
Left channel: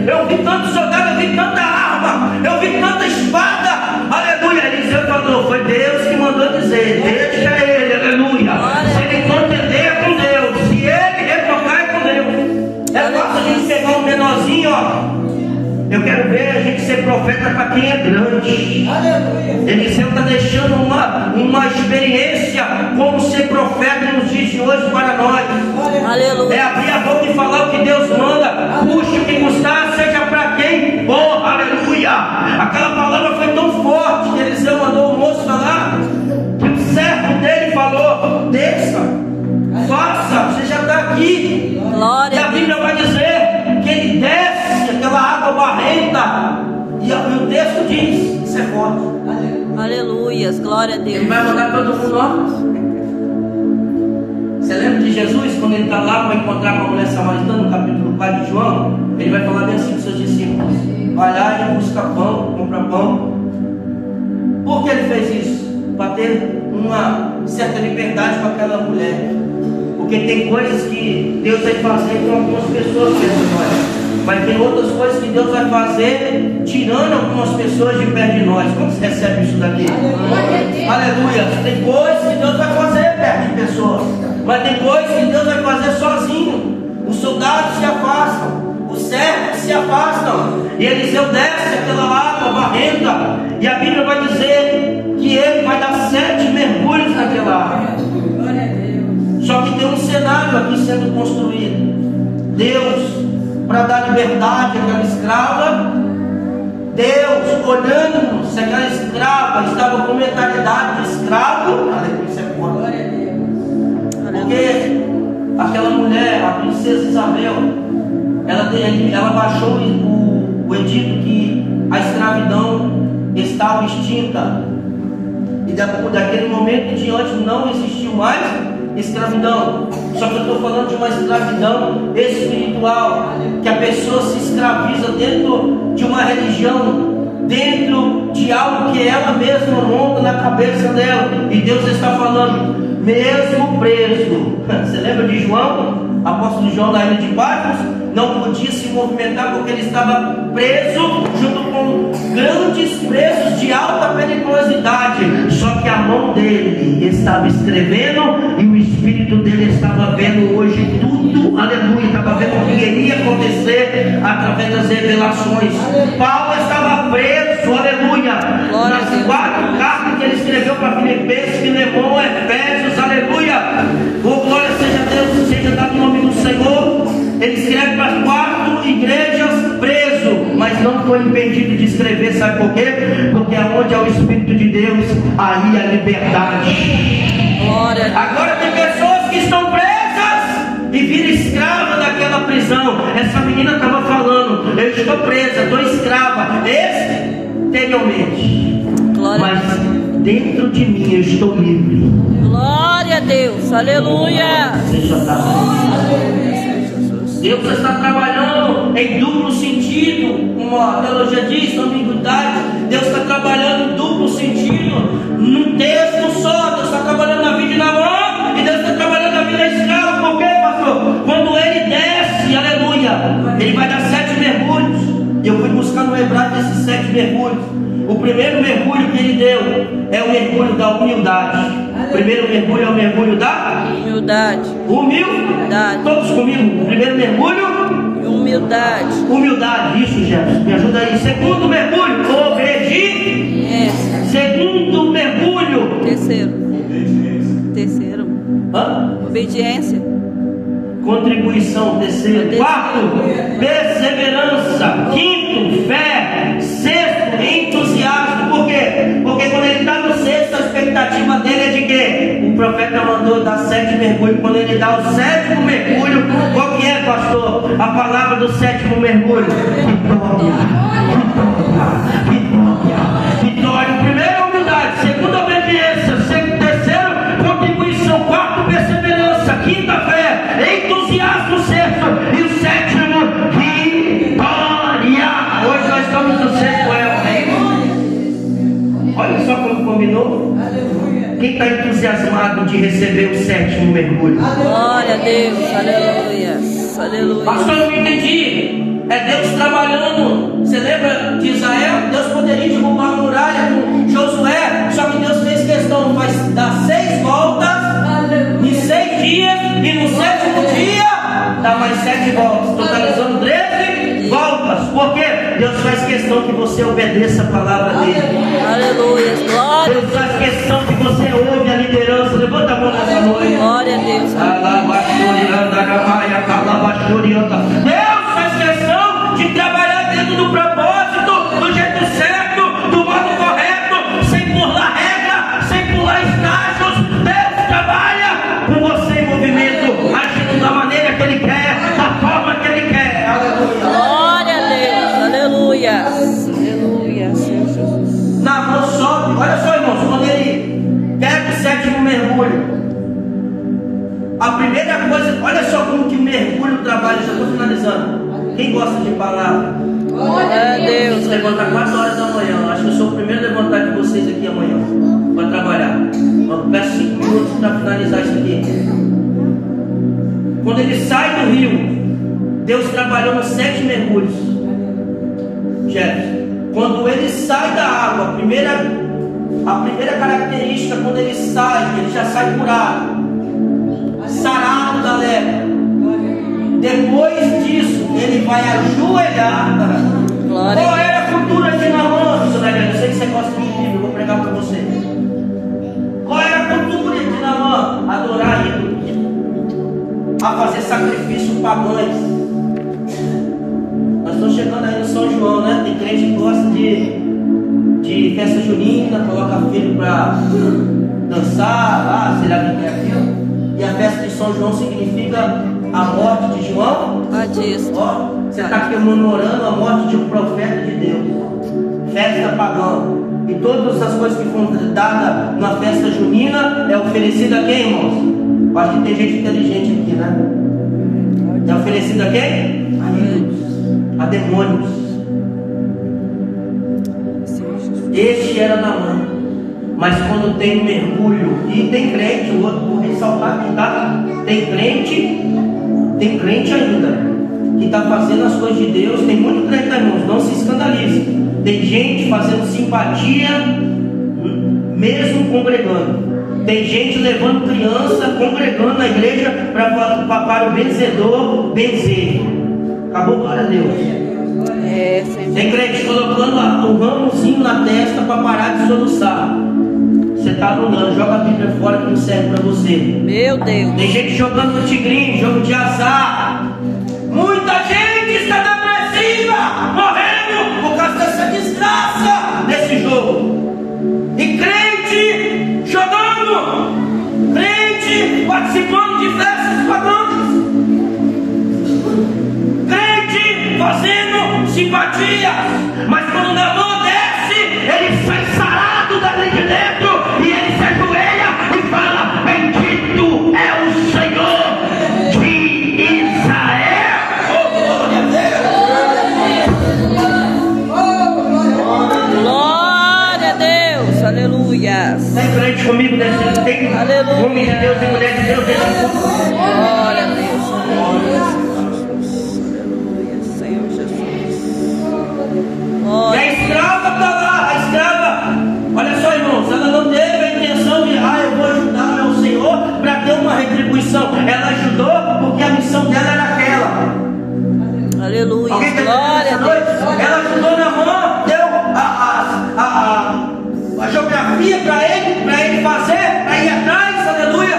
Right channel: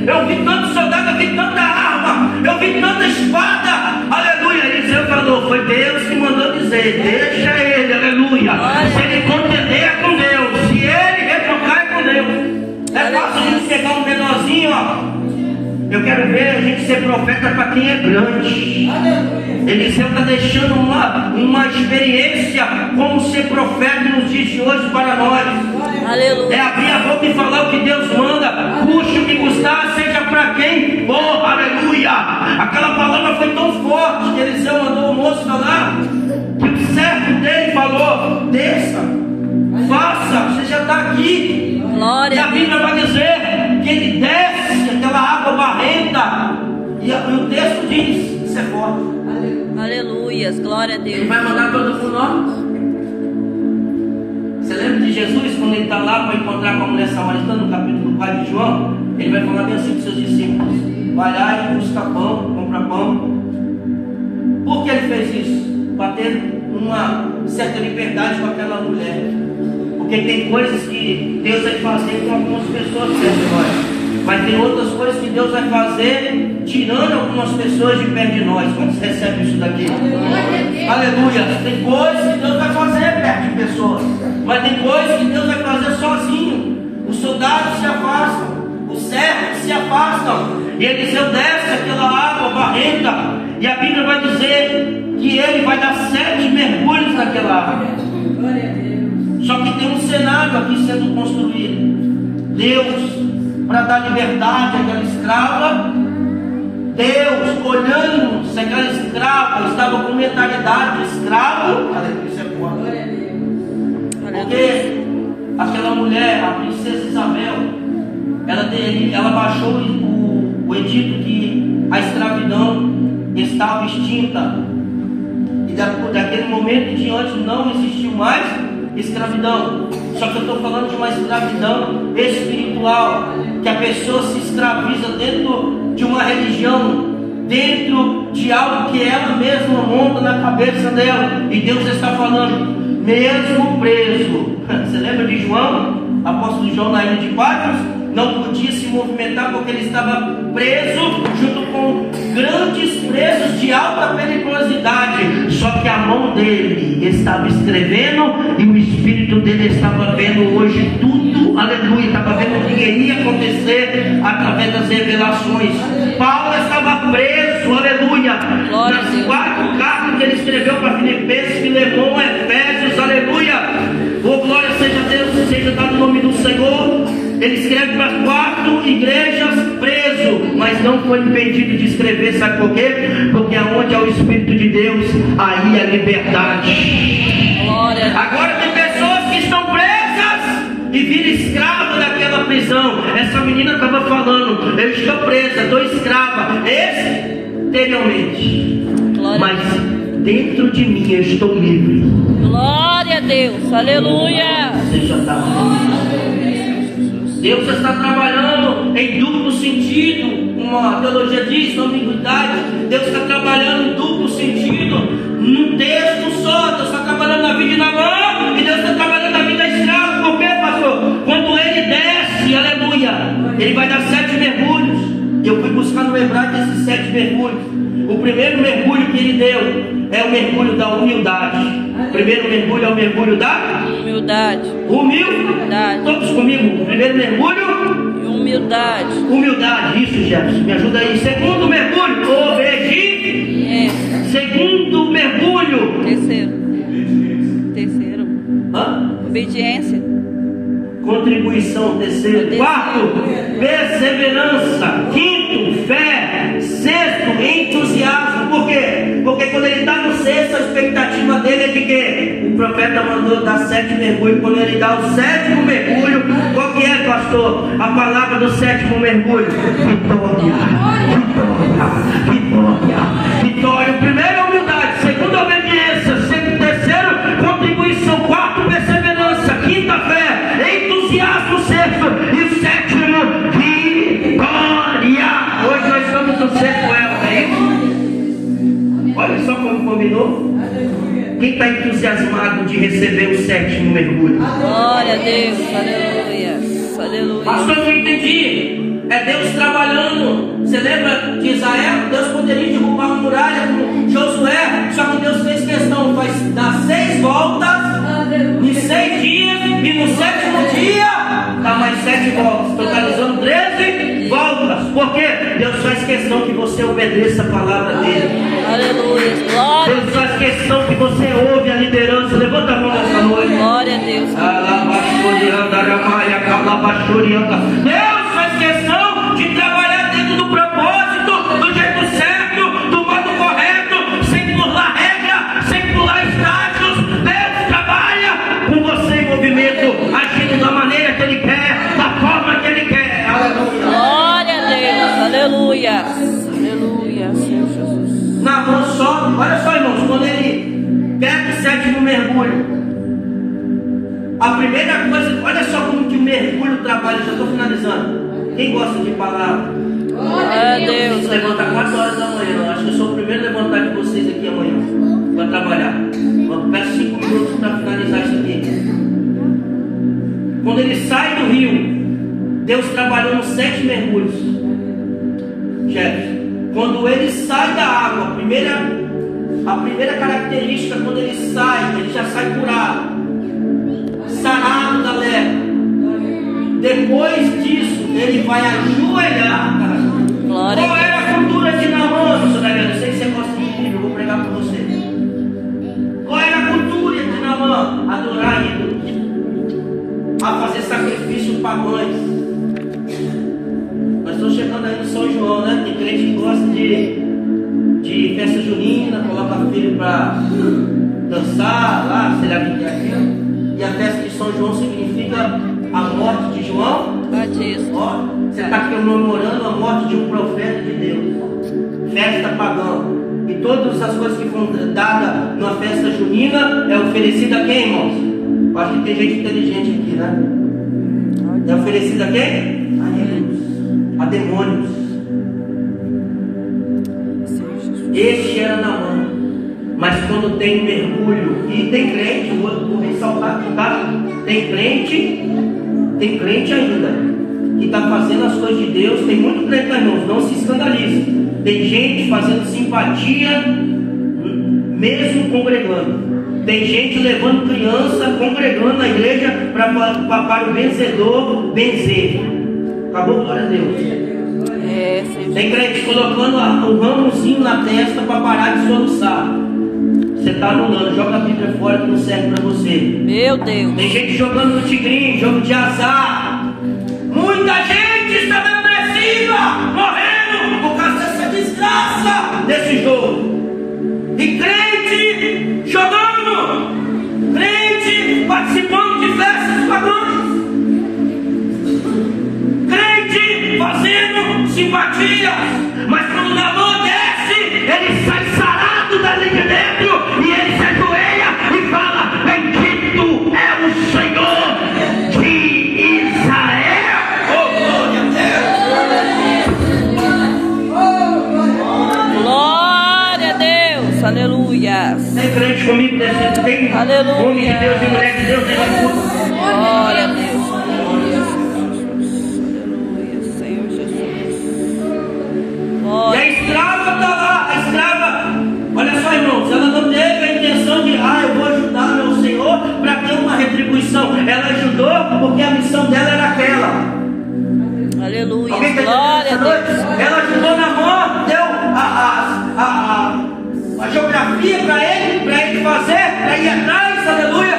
Eu vi tanto soldado, eu vi tanta arma, eu vi tanta espada. Aleluia. Eliseu falou, foi Deus que mandou dizer, deixa ele, aleluia. Se ele contender é com Deus, se ele refocar é com Deus. É fácil a gente pegar um menorzinho, ó. Eu quero ver a gente ser profeta para quem é grande. Eliseu está deixando uma experiência como ser profeta nos dias de hoje para nós. Aleluia. É abrir a boca e falar o que Deus manda. Custe o que custar, seja para quem for. Aleluia. Aquela palavra foi tão forte que Eliseu mandou o moço falar. Que o servo dele falou: desça, faça, você já está aqui. Glória. E a Bíblia vai dizer que ele desce aquela água barrenta. E o texto diz: isso é forte. Aleluia. Glória a Deus. Ele vai mandar todo mundo, ó. Você lembra de Jesus, quando ele está lá para encontrar com a mulher samaritana, no capítulo 4 de João? Ele vai falar bem assim para os seus discípulos: vai lá e busca pão, compra pão. Por que ele fez isso? Para ter uma certa liberdade com aquela mulher. Porque tem coisas que Deus vai fazer com algumas pessoas perto de nós, mas tem outras coisas que Deus vai fazer tirando algumas pessoas de perto de nós. Quando você recebe isso daqui? Aleluia. Tem coisas que Deus vai fazer perto de pessoas, mas tem coisas que Deus vai fazer sozinho. Os soldados se afastam, os servos se afastam, e Eliseu desce aquela água barrenta, e a Bíblia vai dizer que ele vai dar 7 mergulhos naquela água. Só que tem um cenário aqui sendo construído. Deus, para dar liberdade àquela escrava, Deus olhando se aquela escrava estava com mentalidade de escravo. Aleluia, isso é forte. Porque aquela mulher, a princesa Isabel, ela baixou o edito que a escravidão estava extinta, e daquele momento em diante não existiu mais escravidão. Só que eu estou falando de uma escravidão espiritual, que a pessoa se escraviza dentro de uma religião, dentro de algo que ela mesma monta na cabeça dela. E Deus está falando, mesmo preso. Você lembra de João? Apóstolo João da ilha de Patmos não podia se movimentar porque ele estava preso junto com grandes presos de alta periculosidade. Só que a mão dele estava escrevendo e o espírito dele estava vendo hoje tudo, aleluia, estava vendo o que iria acontecer através das revelações. Paulo estava preso, aleluia, nas 4 cartas que ele escreveu para Filipenses, Filemão, Efésios, aleluia. Oh, glória seja a Deus, seja dado o nome do Senhor. Ele escreve para 4 igrejas preso, mas não foi impedido de escrever, sabe por quê? Porque aonde é o Espírito de Deus, aí é liberdade. Glória. Agora tem pessoas que estão presas e viram escrava daquela prisão. Essa menina estava falando, eu estou presa, estou escrava, exteriormente, mas dentro de mim eu estou livre. Glória a Deus, aleluia. Deus está trabalhando em duplo sentido. Uma teologia diz, ambiguidade. Deus está trabalhando em duplo sentido. Num texto só, Deus está trabalhando na vida de Naamã e Deus está trabalhando na vida escrava. Por quê, pastor? Quando ele desce, aleluia, ele vai dar 7 mergulhos. Eu fui buscar no hebraico esses 7 mergulhos. O primeiro mergulho que ele deu é o mergulho da humildade. O primeiro mergulho é o mergulho da humildade. Humildade. Todos comigo. O primeiro mergulho e humildade. Humildade, isso, Jefferson. Me ajuda aí. Segundo mergulho, obediência. Segundo mergulho. Terceiro. Obediência. Contribuição. Terceiro. Quarto, perseverança. Quinto, fé. Sexto, entusiasmo. Por quê? Porque quando ele está no sexto, a expectativa dele é de quê? O profeta mandou dar 7 mergulhos. Quando ele dá o 7º mergulho, qual que é, pastor? A palavra do 7º mergulho: vitória. Vitória. O primeiro é humildade. Segundo, obediência. Terceiro, contribuição. Quarto, perseverança. Quinta, fé. Entusiasmo. Sexto, Senhor? Quem está entusiasmado de receber o 7º mergulho? Glória a Deus. Aleluia. Aleluia. Pastor, eu não entendi. É Deus trabalhando. Você lembra de Israel? Deus poderia derrubar a muralha com Josué. Só que Deus fez questão. Vai dar 6 voltas em 6 dias. E no 7º dia dá mais 7 voltas. Totalizando 13 voltas. Por quê? Deus faz questão que você obedeça a palavra dele. Aleluia. Glória. Deus faz questão que você ouve a liderança. Levanta a mão nessa noite. Glória a Deus. Deus faz questão de trabalhar dentro do propósito, do jeito certo, do modo correto, sem pular regra, sem pular estágios. Deus trabalha com você em movimento, agindo da maneira que Ele quer, da forma que Ele quer. Aleluia. Glória a Deus. Aleluia. Aleluia, Senhor Jesus. Na mão sobe. Olha só, irmãos, quando ele pega o 7º mergulho, a primeira coisa, olha só como que o mergulho trabalha. Já estou finalizando. Quem gosta de palavra? Glória a Deus. Levanta 4 horas da manhã. Acho que eu sou o primeiro a levantar de vocês aqui amanhã para trabalhar. Eu peço 5 minutos para finalizar isso aqui. Quando ele sai do rio, Deus trabalhou nos 7 mergulhos. Jeff, quando ele sai da água, a primeira característica, quando ele já sai curado, sarado da lepra. Depois disso, ele vai ajoelhar. Glória. Qual era a cultura de Naamã? Eu sei que você gosta de Bíblia, eu vou pregar para você. Qual era a cultura de Naamã? Adorar ídolos, a fazer sacrifícios pagãos. Nós estamos chegando aí no São João, né? Tem crente que gosta de festa junina, coloca filho para dançar, sei lá o que é aquilo. E a festa de São João significa a morte de João Batista. Ó, você está comemorando a morte de um profeta de Deus. Festa pagã. E todas as coisas que foram dadas numa festa junina é oferecida a quem, irmãos? Acho que tem gente inteligente aqui, né? É oferecida a quem? A ídolos, a demônios. Este era Naamã. Mas quando tem mergulho, e tem crente, vou ressaltar aqui, tá? Tem crente ainda, que está fazendo as coisas de Deus. Tem muito crente, irmãos, não se escandalize. Tem gente fazendo simpatia, mesmo congregando. Tem gente levando criança, congregando na igreja para o benzedor benzer. Acabou, glória a Deus. Tem crente colocando o ramozinho na testa para parar de soluçar. Você está anulando, joga a Bíblia fora que não serve para você. Meu Deus. Tem gente jogando no tigrinho, jogo de azar. Muita gente está depressiva, morrendo por causa dessa desgraça desse jogo. E crente jogando, crente participando de festas pagãs, crente fazendo simpatia. Mas quando a mão desce, ele sai sarado dali de dentro. E ele se ajoelha e fala: bendito é o Senhor de Israel. Glória a Deus. Aleluia. Tem crente comigo nesse tempo? Aleluia. Homem de Deus e mulher de Deus nesse culto. Glória a Deus. Aleluia, Senhor Jesus. Glória. E a escrava está lá, a escrava. Olha só, irmãos, ela não teve a intenção de, eu vou ajudar ao Senhor para ter uma retribuição. Ela ajudou porque a missão dela era aquela. Aleluia. Alguém tá Glória a Deus. Ela ajudou na mão, deu a geografia para ele fazer, para ir atrás, aleluia.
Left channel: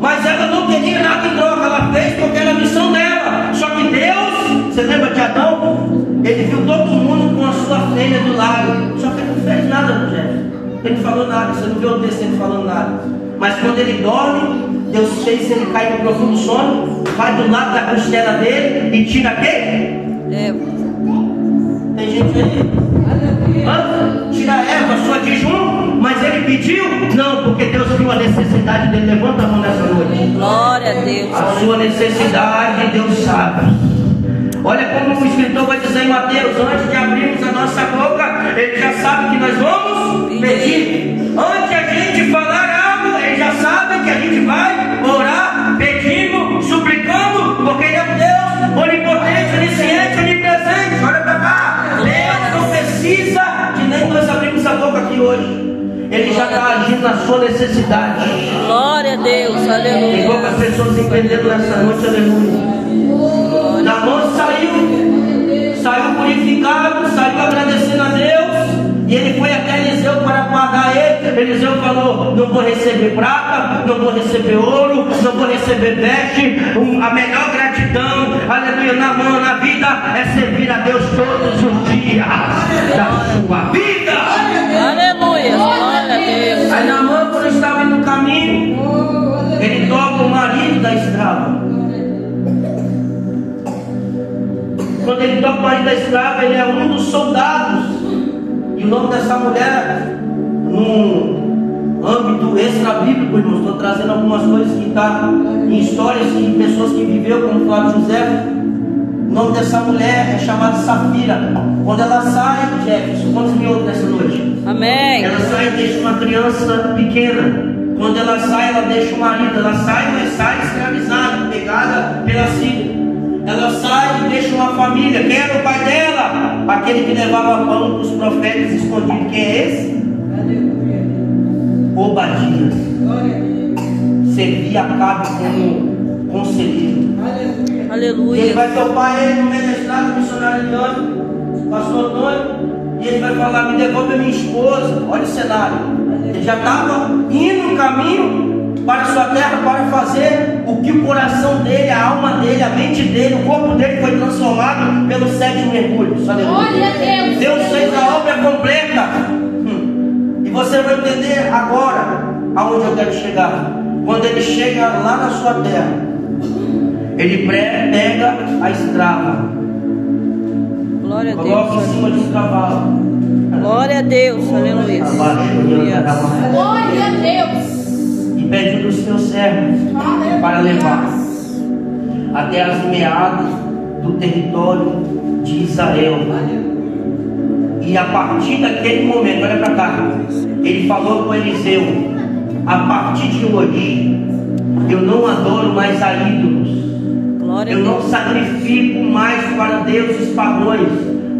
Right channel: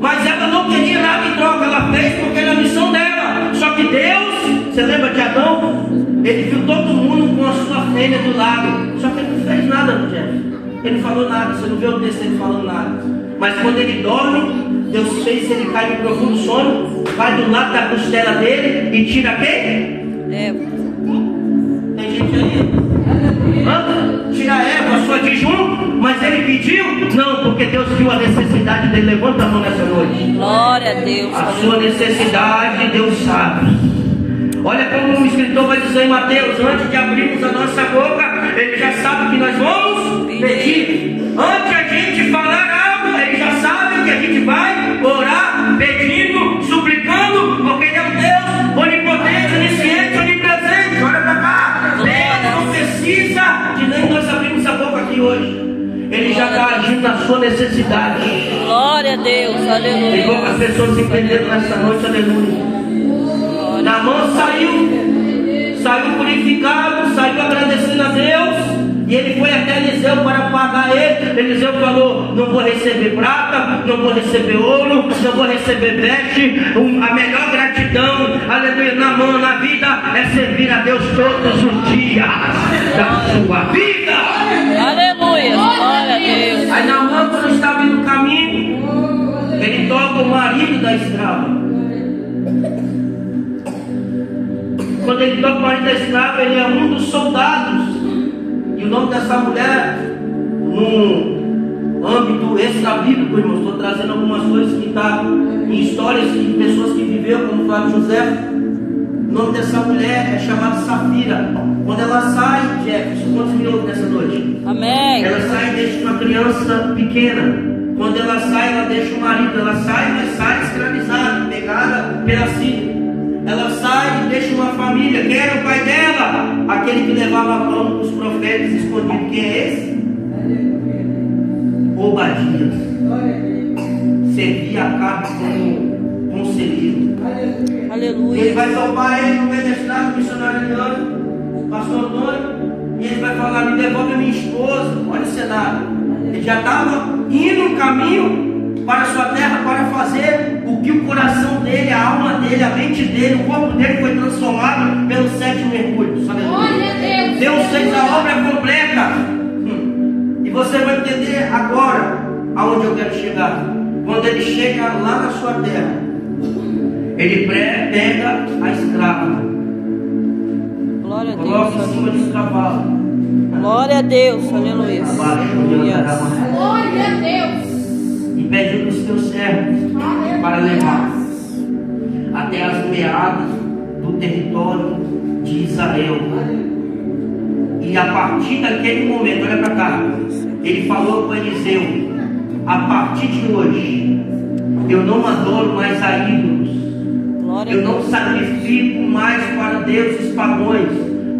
Mas ela não queria nada em troca, ela fez porque era a missão dela. Só que Deus, você lembra de Adão? Ele viu todo mundo com a sua filha do lado. Só que ele não fez nada, gente. Ele não falou nada. Você não vê o texto ele falando nada. Mas quando ele dorme, Deus fez ele cair no profundo sono, vai do lado da costela dele e tira quem? Eva. Tem gente aí? Tira a Eva, sua de jejum. Mas ele pediu? Não, porque Deus viu a necessidade dele. Levanta a mão nessa noite. Glória a Deus. A sua necessidade, Deus sabe. Olha como o escritor vai dizer em Mateus: antes de abrirmos a nossa boca, ele já sabe que nós vamos pedir. gente falar algo, eles já sabem que a gente vai orar, pedindo, suplicando, porque Ele é um Deus onipotente, onisciente, onipresente. Olha para cá. Deus não precisa de nem nós abrirmos a boca aqui hoje. Ele já está agindo na sua necessidade. Glória a Deus, aleluia. Tem poucas pessoas entendendo nessa noite, aleluia. Naamã saiu purificado, saiu agradecendo a Deus. E ele foi até Eliseu para pagar ele. Eliseu falou: não vou receber prata, não vou receber ouro, não vou receber veste. A melhor gratidão, aleluia, na vida é servir a Deus todos os dias da sua vida. Aleluia, glória a Deus. Aí Naamã, quando estava no caminho, ele toca o marido da escrava. Quando ele toca o marido da escrava, ele é um dos soldados. E o nome dessa mulher, no âmbito extra-bíblico, irmãos, estou trazendo algumas coisas que estão em histórias de pessoas que viveu, como Flávio José. O nome dessa mulher é chamada Safira. Quando ela sai, Jefferson, quantos me ouvem nessa noite? Amém. Ela sai e deixa uma criança pequena. Quando ela sai, ela deixa o marido. Ela sai, mas sai escravizada, pegada pela Síria. Ela sai e deixa uma família. Quem era o pai dela? Aquele que levava pão para os profetas escondidos. Quem é esse? Obadias. Servia a cabo como conselheiro. Aleluia. Ele vai topar ele no meio da estrada, o missionário Leandro, pastor Antônio, e ele vai falar: me devolve a minha esposa. Olha o cenário. Ele já estava indo no caminho para a sua terra para fazer o que o coração dele, a alma dele, a mente dele, o corpo dele foi transformado pelo 7º mergulho. Glória a Deus. Deus fez a obra completa. E você vai entender agora aonde eu quero chegar. Quando ele chega lá na sua terra, ele pega a escrava, Glória a coloca em Deus. cima de cavalo. Glória a Deus, aleluia. Glória a Deus. E pede para os seus servos para levar até as meadas do território de Israel. E a partir daquele momento, olha para cá, ele falou com Eliseu: a partir de hoje eu não adoro mais a ídolos, Glória a eu não Deus. sacrifico mais para deuses pagãos.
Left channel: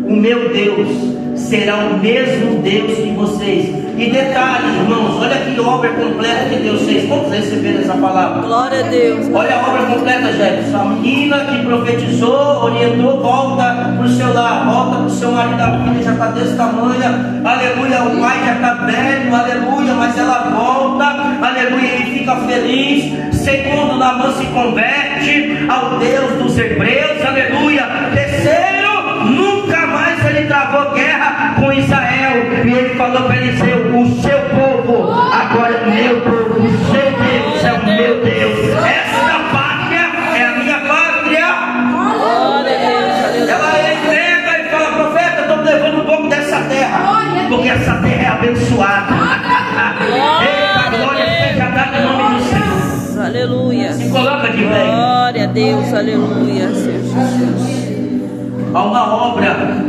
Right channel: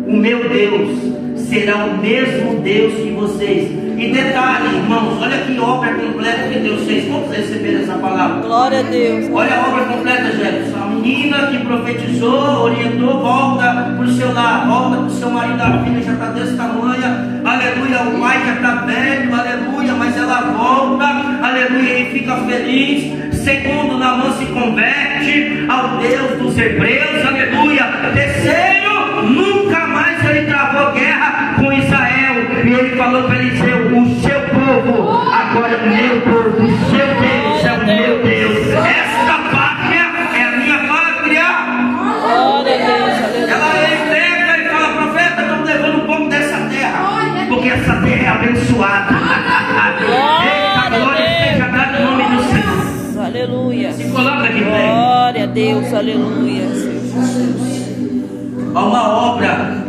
O meu Deus será o mesmo Deus que vocês. E detalhe, irmãos, olha que obra completa que Deus fez. Vamos receber essa palavra? Glória a Deus. Olha a obra completa, Jefferson. A menina que profetizou, orientou, volta para o seu lar, volta para o seu marido. A filha já está desse tamanho, aleluia. O pai já está velho, aleluia. Mas ela volta, aleluia. Ele fica feliz. Segundo, Naamã se converte ao Deus dos hebreus, aleluia. Terceiro, nunca mais ele travou guerra com Israel. E ele falou para Eliseu: o seu povo agora é meu povo, o seu Deus é o meu Deus. Essa pátria é a minha pátria. Glória a Deus, aleluia. Ela entrega e fala: profeta, estou levando um pouco dessa terra, porque essa terra é abençoada. Eita, glória seja dada em nome do Senhor. Aleluia. Se coloca de pé. Glória a Deus, aleluia, Senhor Jesus. Há uma obra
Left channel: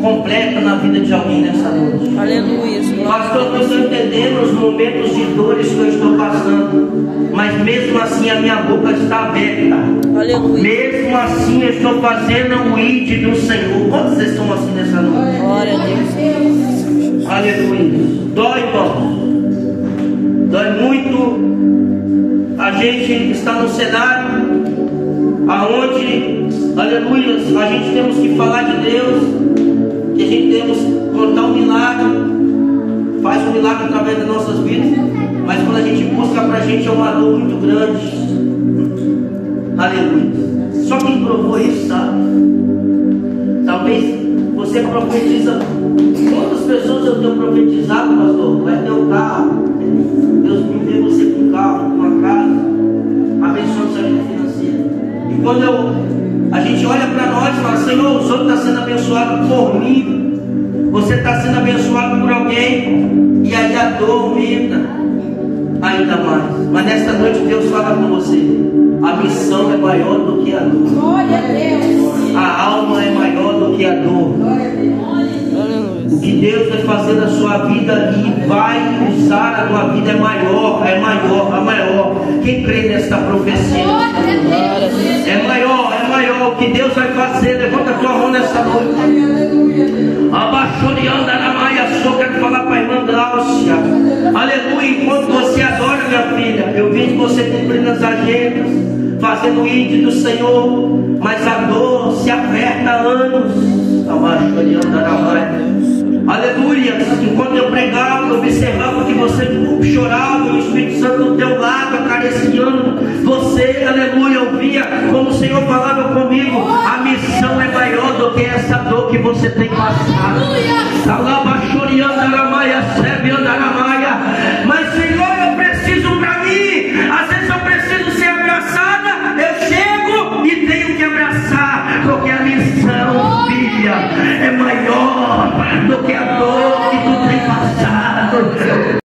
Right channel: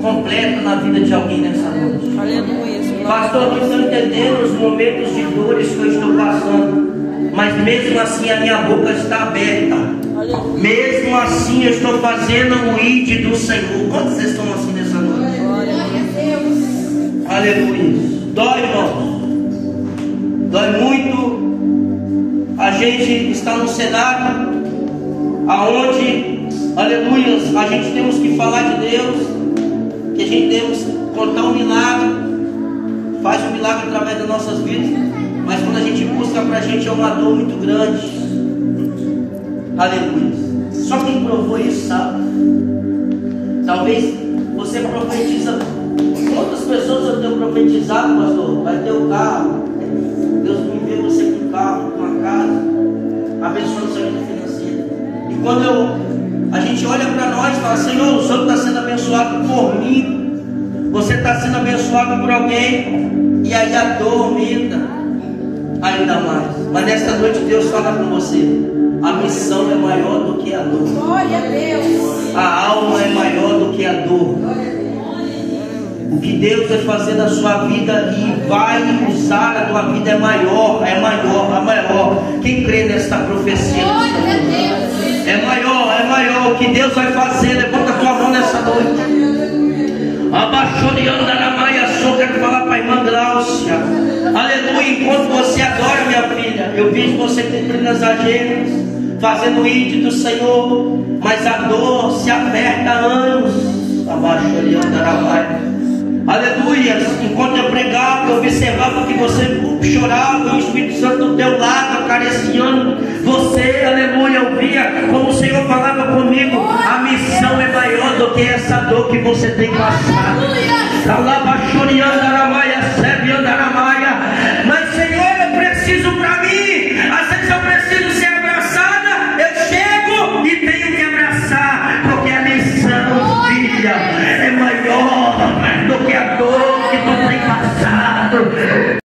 completa na vida de alguém nessa noite. Aleluia, Senhor. Pastor, não estou entendendo os momentos de dores que eu estou passando, mas mesmo assim a minha boca está aberta. Aleluia. Mesmo assim eu estou fazendo o ID do Senhor. Quantos estão assim nessa noite? Glória a Deus. Aleluia. Dói, irmão. Dói muito. A gente está num cenário aonde, aleluia, a gente temos que falar de Deus, que a gente temos que contar um milagre, faz um milagre através das nossas vidas, mas quando a gente busca pra gente é uma dor muito grande. Aleluia. Só quem provou isso sabe. Talvez você profetiza, quantas pessoas eu tenho profetizado, pastor? Vai ter o carro, Deus me deu você com carro, com uma casa, abençoando sua vida financeira. E quando a gente olha para nós e fala: Senhor, o Senhor está sendo abençoado por mim, você está sendo abençoado por alguém, e aí a dor aumenta ainda mais. Mas nesta noite Deus fala com você: a missão é maior do que a dor. Glória a Deus. A alma é maior do que a dor. O que Deus vai fazer na sua vida e vai usar a tua vida é maior. Quem crê nesta profecia? É maior o que Deus vai fazer. Levanta a tua mão nessa noite. Abaixou de andar na maia, só quero falar para a irmã Gláucia. Aleluia. Enquanto você adora, minha filha, eu vejo você cumprindo as agendas, fazendo o ídolo do Senhor, mas a dor se aperta há anos. Abaixou de andar na maia. Aleluia. Enquanto eu pregava, eu observava que você chorava e o Espírito Santo do teu lado, acariciando você. Aleluia. Eu via como o Senhor falava comigo: a missão é maior do que essa dor que você tem passado. Aleluia.